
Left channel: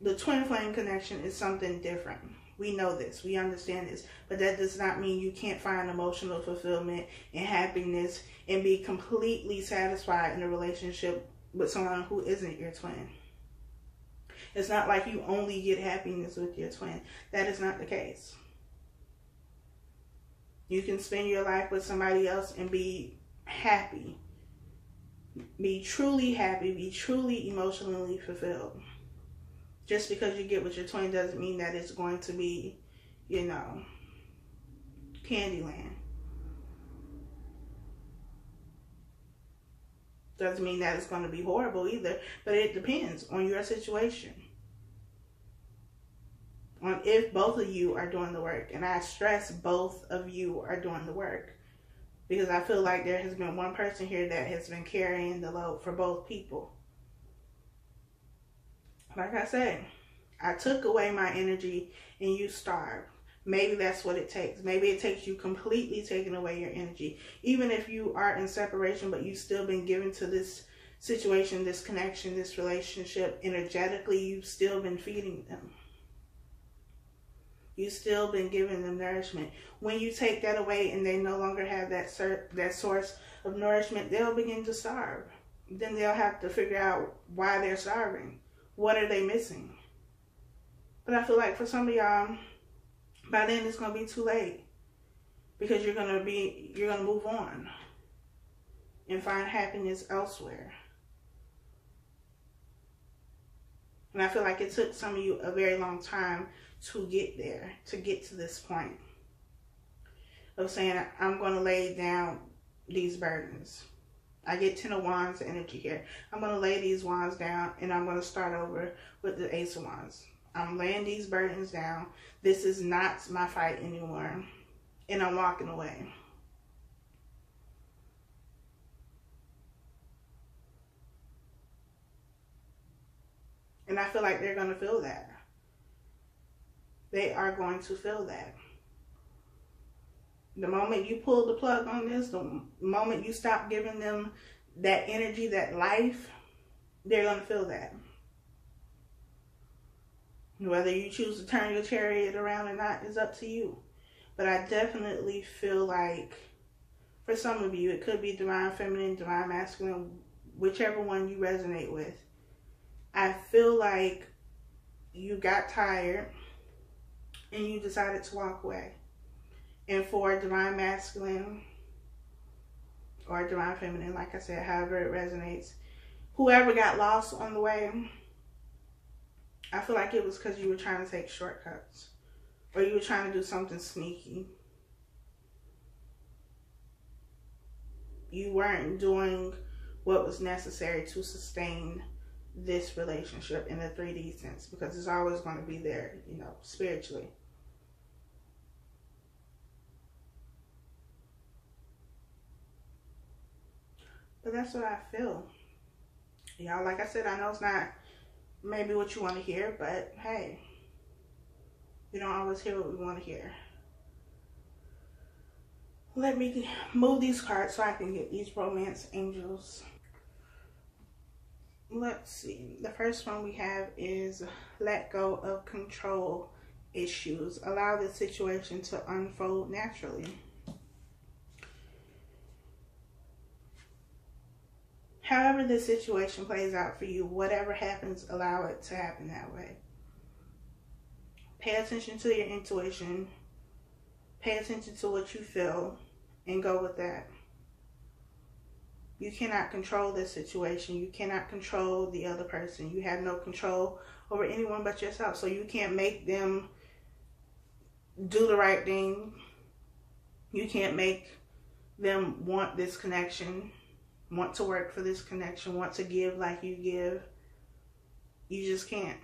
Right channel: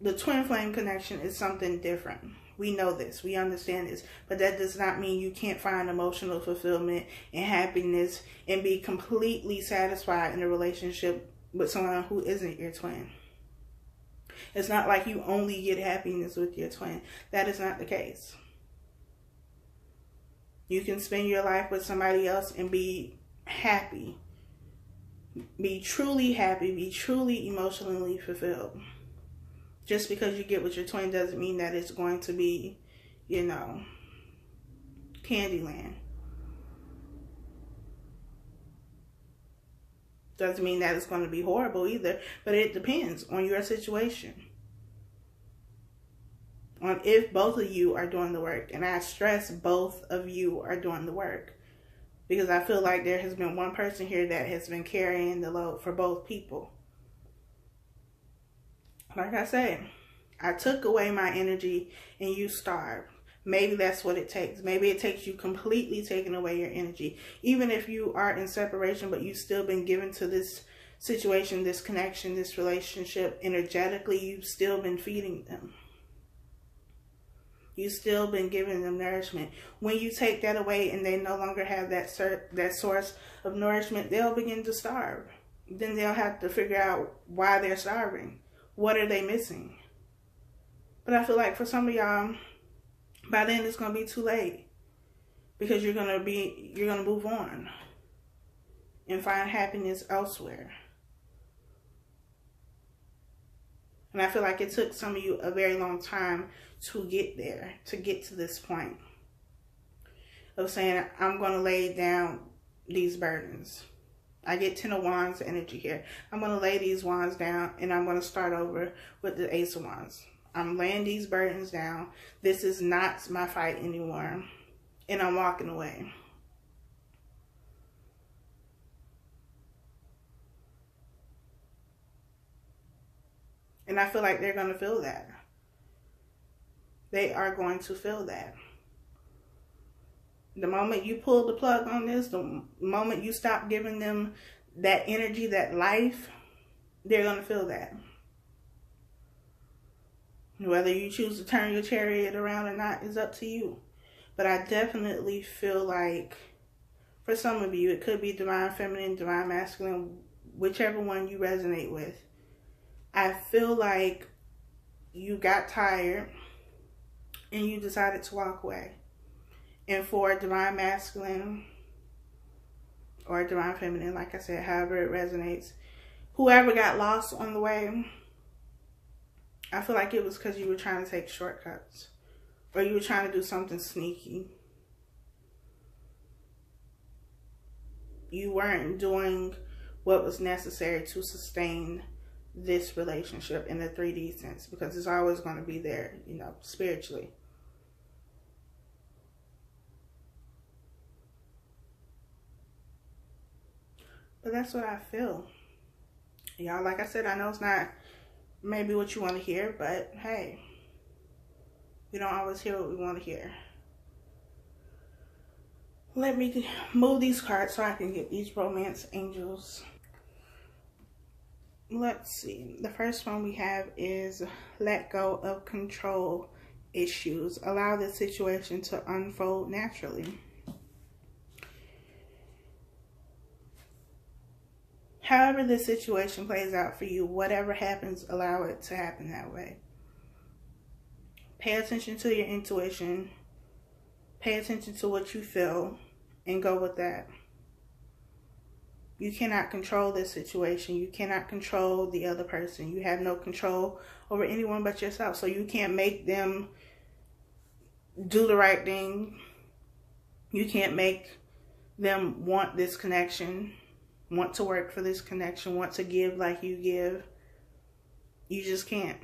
the twin flame connection is something different. We know this. We understand this. But that does not mean you can't find emotional fulfillment and happiness and be completely satisfied in a relationship with someone who isn't your twin. It's not like you only get happiness with your twin. That is not the case. You can spend your life with somebody else and be happy. Be truly happy. Be truly emotionally fulfilled. Just because you get with your twin doesn't mean that it's going to be, Candyland. Doesn't mean that it's going to be horrible either, but it depends on your situation. On if both of you are doing the work. And I stress both of you are doing the work. Because I feel like there has been one person here that has been carrying the load for both people. Like I said, I took away my energy and you starved. Maybe that's what it takes. Maybe it takes you completely taking away your energy. Even if you are in separation, but you've still been given to this situation, this connection, this relationship, energetically, you've still been feeding them. You've still been giving them nourishment. When you take that away and they no longer have that source of nourishment, they'll begin to starve. Then they'll have to figure out why they're starving. What are they missing? But I feel like for some of y'all, by then it's going to be too late. Because you're going to move on and find happiness elsewhere. And I feel like it took some of you a very long time to get there, to get to this point of saying, I'm going to lay down these burdens. I get 10 of Wands energy here. I'm going to lay these wands down and I'm going to start over with the Ace of Wands. I'm laying these burdens down. This is not my fight anymore. And I'm walking away. And I feel like they're going to feel that. They are going to feel that. The moment you pull the plug on this, the moment you stop giving them that energy, that life, they're going to feel that. Whether you choose to turn your chariot around or not is up to you. But I definitely feel like, for some of you, it could be divine feminine, divine masculine, whichever one you resonate with. I feel like you got tired and you decided to walk away. And for divine masculine or divine feminine, like I said, however it resonates, whoever got lost on the way, I feel like it was because you were trying to take shortcuts. Or you were trying to do something sneaky. You weren't doing what was necessary to sustain this relationship in the 3D sense. Because it's always going to be there, spiritually. But that's what I feel. Y'all, like I said, I know it's not maybe what you want to hear, but hey, we don't always hear what we want to hear. Let me move these cards so I can get these romance angels. Let's see. The first one we have is let go of control issues. Allow the situation to unfold naturally. However this situation plays out for you, whatever happens, allow it to happen that way. Pay attention to your intuition. Pay attention to what you feel and go with that. You cannot control this situation. You cannot control the other person. You have no control over anyone but yourself. So you can't make them do the right thing. You can't make them want this connection, want to work for this connection, want to give like you give. You just can't.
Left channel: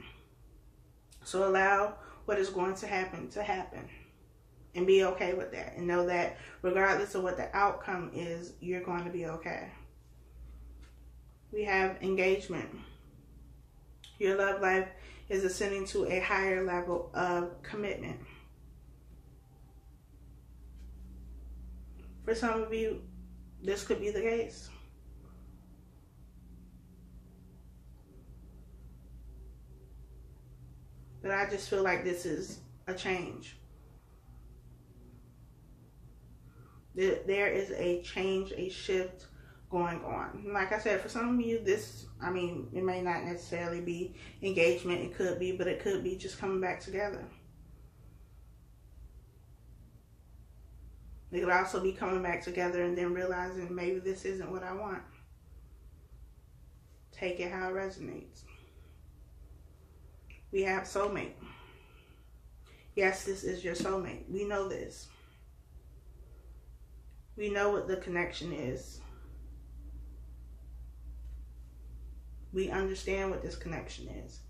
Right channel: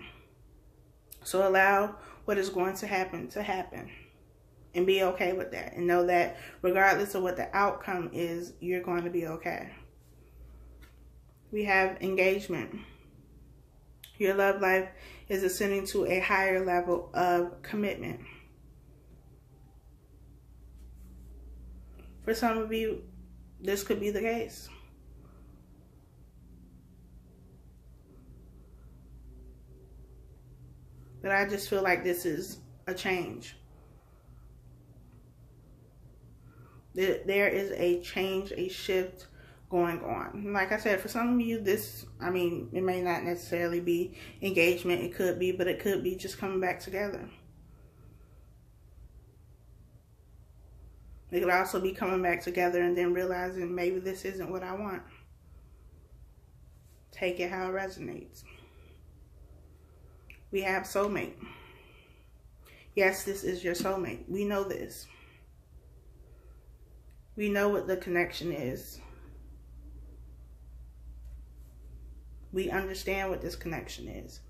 So allow what is going to happen and be okay with that, and know that regardless of what the outcome is, you're going to be okay. We have engagement. Your love life is ascending to a higher level of commitment. For some of you, this could be the case. But I just feel like this is a change. There is a change, a shift going on. Like I said, for some of you, this, I mean, it may not necessarily be engagement. It could be, but it could be just coming back together. It could also be coming back together and then realizing maybe this isn't what I want. Take it how it resonates. We have soulmate. Yes, this is your soulmate. We know this. We know what the connection is. We understand what this connection is.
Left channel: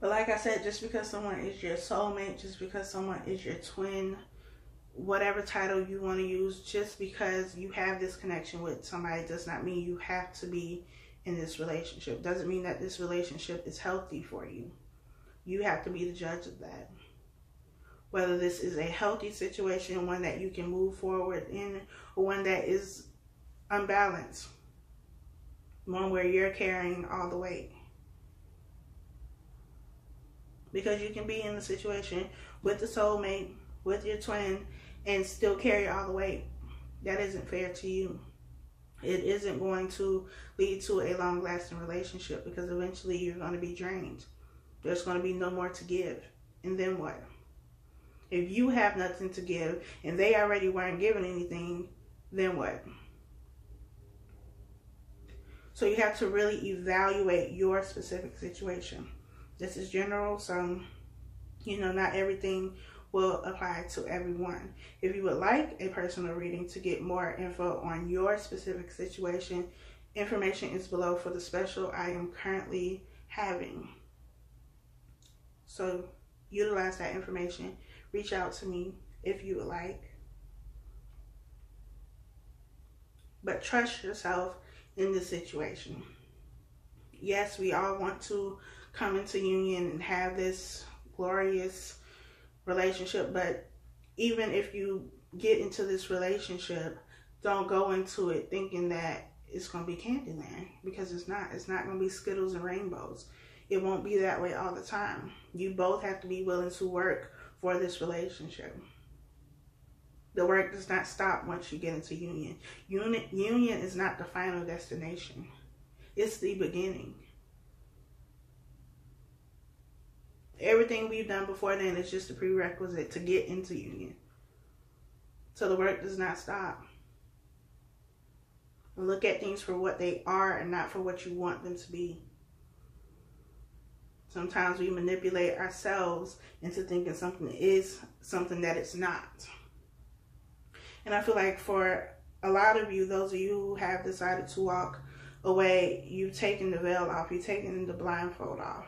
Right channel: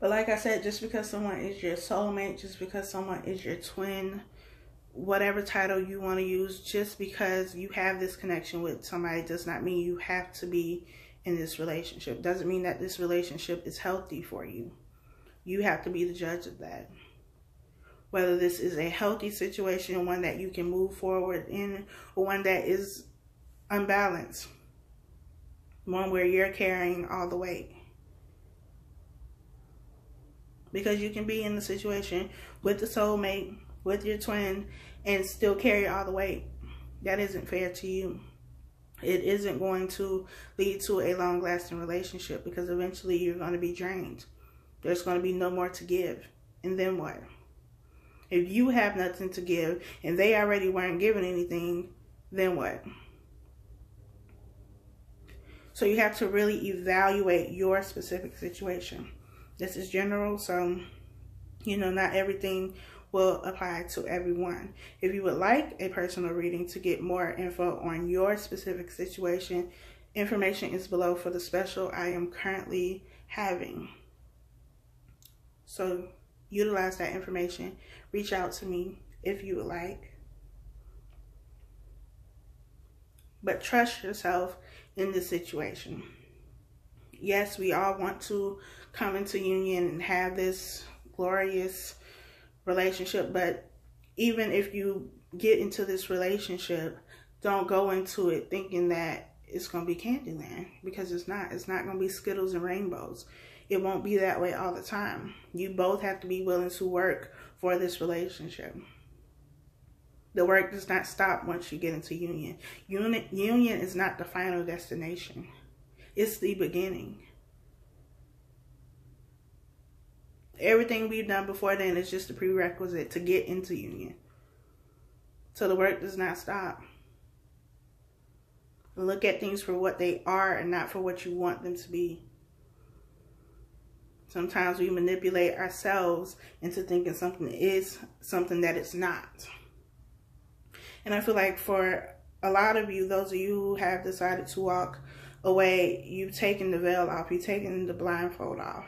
But like I said, just because someone is your soulmate, just because someone is your twin, whatever title you want to use, just because you have this connection with somebody does not mean you have to be in this relationship. Doesn't mean that this relationship is healthy for you. You have to be the judge of that. Whether this is a healthy situation, one that you can move forward in, or one that is unbalanced. One where you're carrying all the weight. Because you can be in the situation with the soulmate, with your twin, and still carry all the weight. That isn't fair to you. It isn't going to lead to a long-lasting relationship, because eventually you're going to be drained. There's going to be no more to give. And then what? If you have nothing to give and they already weren't giving anything, then what? So you have to really evaluate your specific situation. This is general, so, not everything will apply to everyone. If you would like a personal reading to get more info on your specific situation, information is below for the special I am currently having. So utilize that information. Reach out to me if you would like. But trust yourself in this situation. Yes, we all want to come into union and have this glorious relationship, but even if you get into this relationship, don't go into it thinking that it's going to be Candyland, because it's not. It's not going to be Skittles and rainbows. It won't be that way all the time. You both have to be willing to work for this relationship. The work does not stop once you get into union. Union is not the final destination. It's the beginning. Everything we've done before then is just a prerequisite to get into union. So the work does not stop. Look at things for what they are and not for what you want them to be. Sometimes we manipulate ourselves into thinking something is something that it's not. And I feel like for a lot of you, those of you who have decided to walk away, you've taken the veil off, you've taken the blindfold off.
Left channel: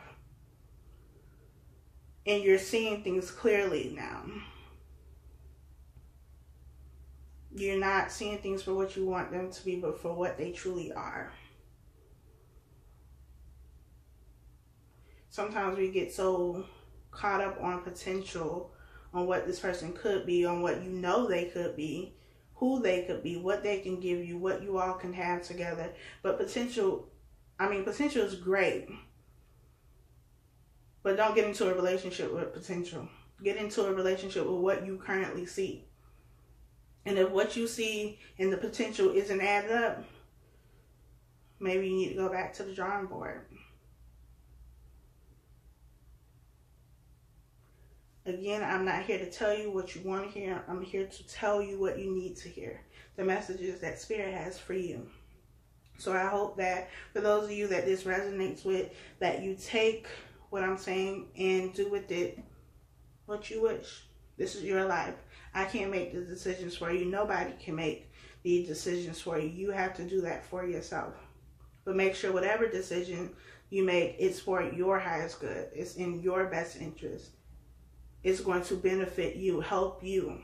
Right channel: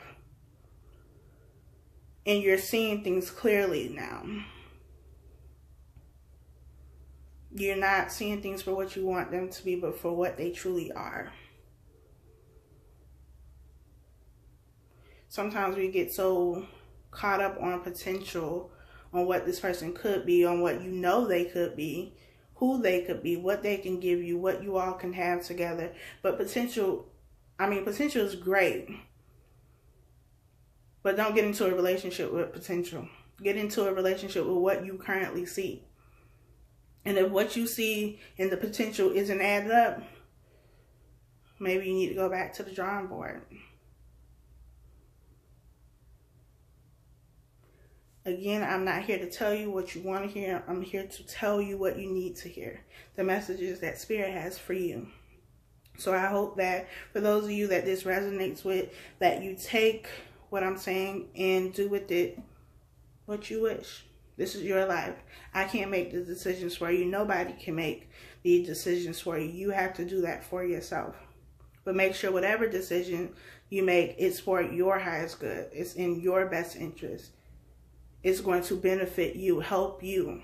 And you're seeing things clearly now. You're not seeing things for what you want them to be, but for what they truly are. Sometimes we get so caught up on potential on what this person could be, on what you know they could be, who they could be, what they can give you, what you all can have together. But potential is great. But don't get into a relationship with potential. Get into a relationship with what you currently see. And if what you see in the potential isn't added up, maybe you need to go back to the drawing board. Again, I'm not here to tell you what you want to hear. I'm here to tell you what you need to hear. The messages that Spirit has for you. So I hope that for those of you that this resonates with, that you take what I'm saying and do with it what you wish. This is your life. I can't make the decisions for you. Nobody can make the decisions for you. You have to do that for yourself. But make sure whatever decision you make, it's for your highest good. It's in your best interest. It's going to benefit you, help you,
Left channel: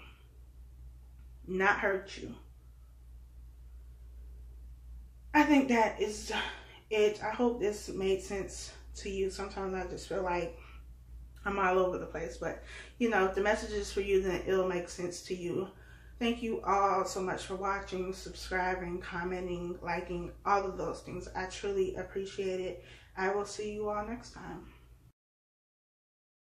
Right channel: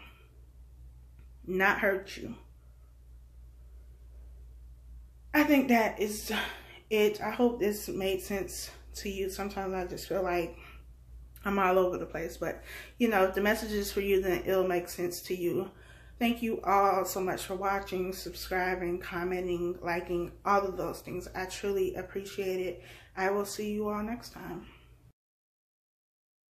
not hurt you. I think that is it. I hope this made sense to you. Sometimes I just feel like I'm all over the place. But, you know, if the message is for you, then it'll make sense to you. Thank you all so much for watching, subscribing, commenting, liking, all of those things. I truly appreciate it. I will see you all next time.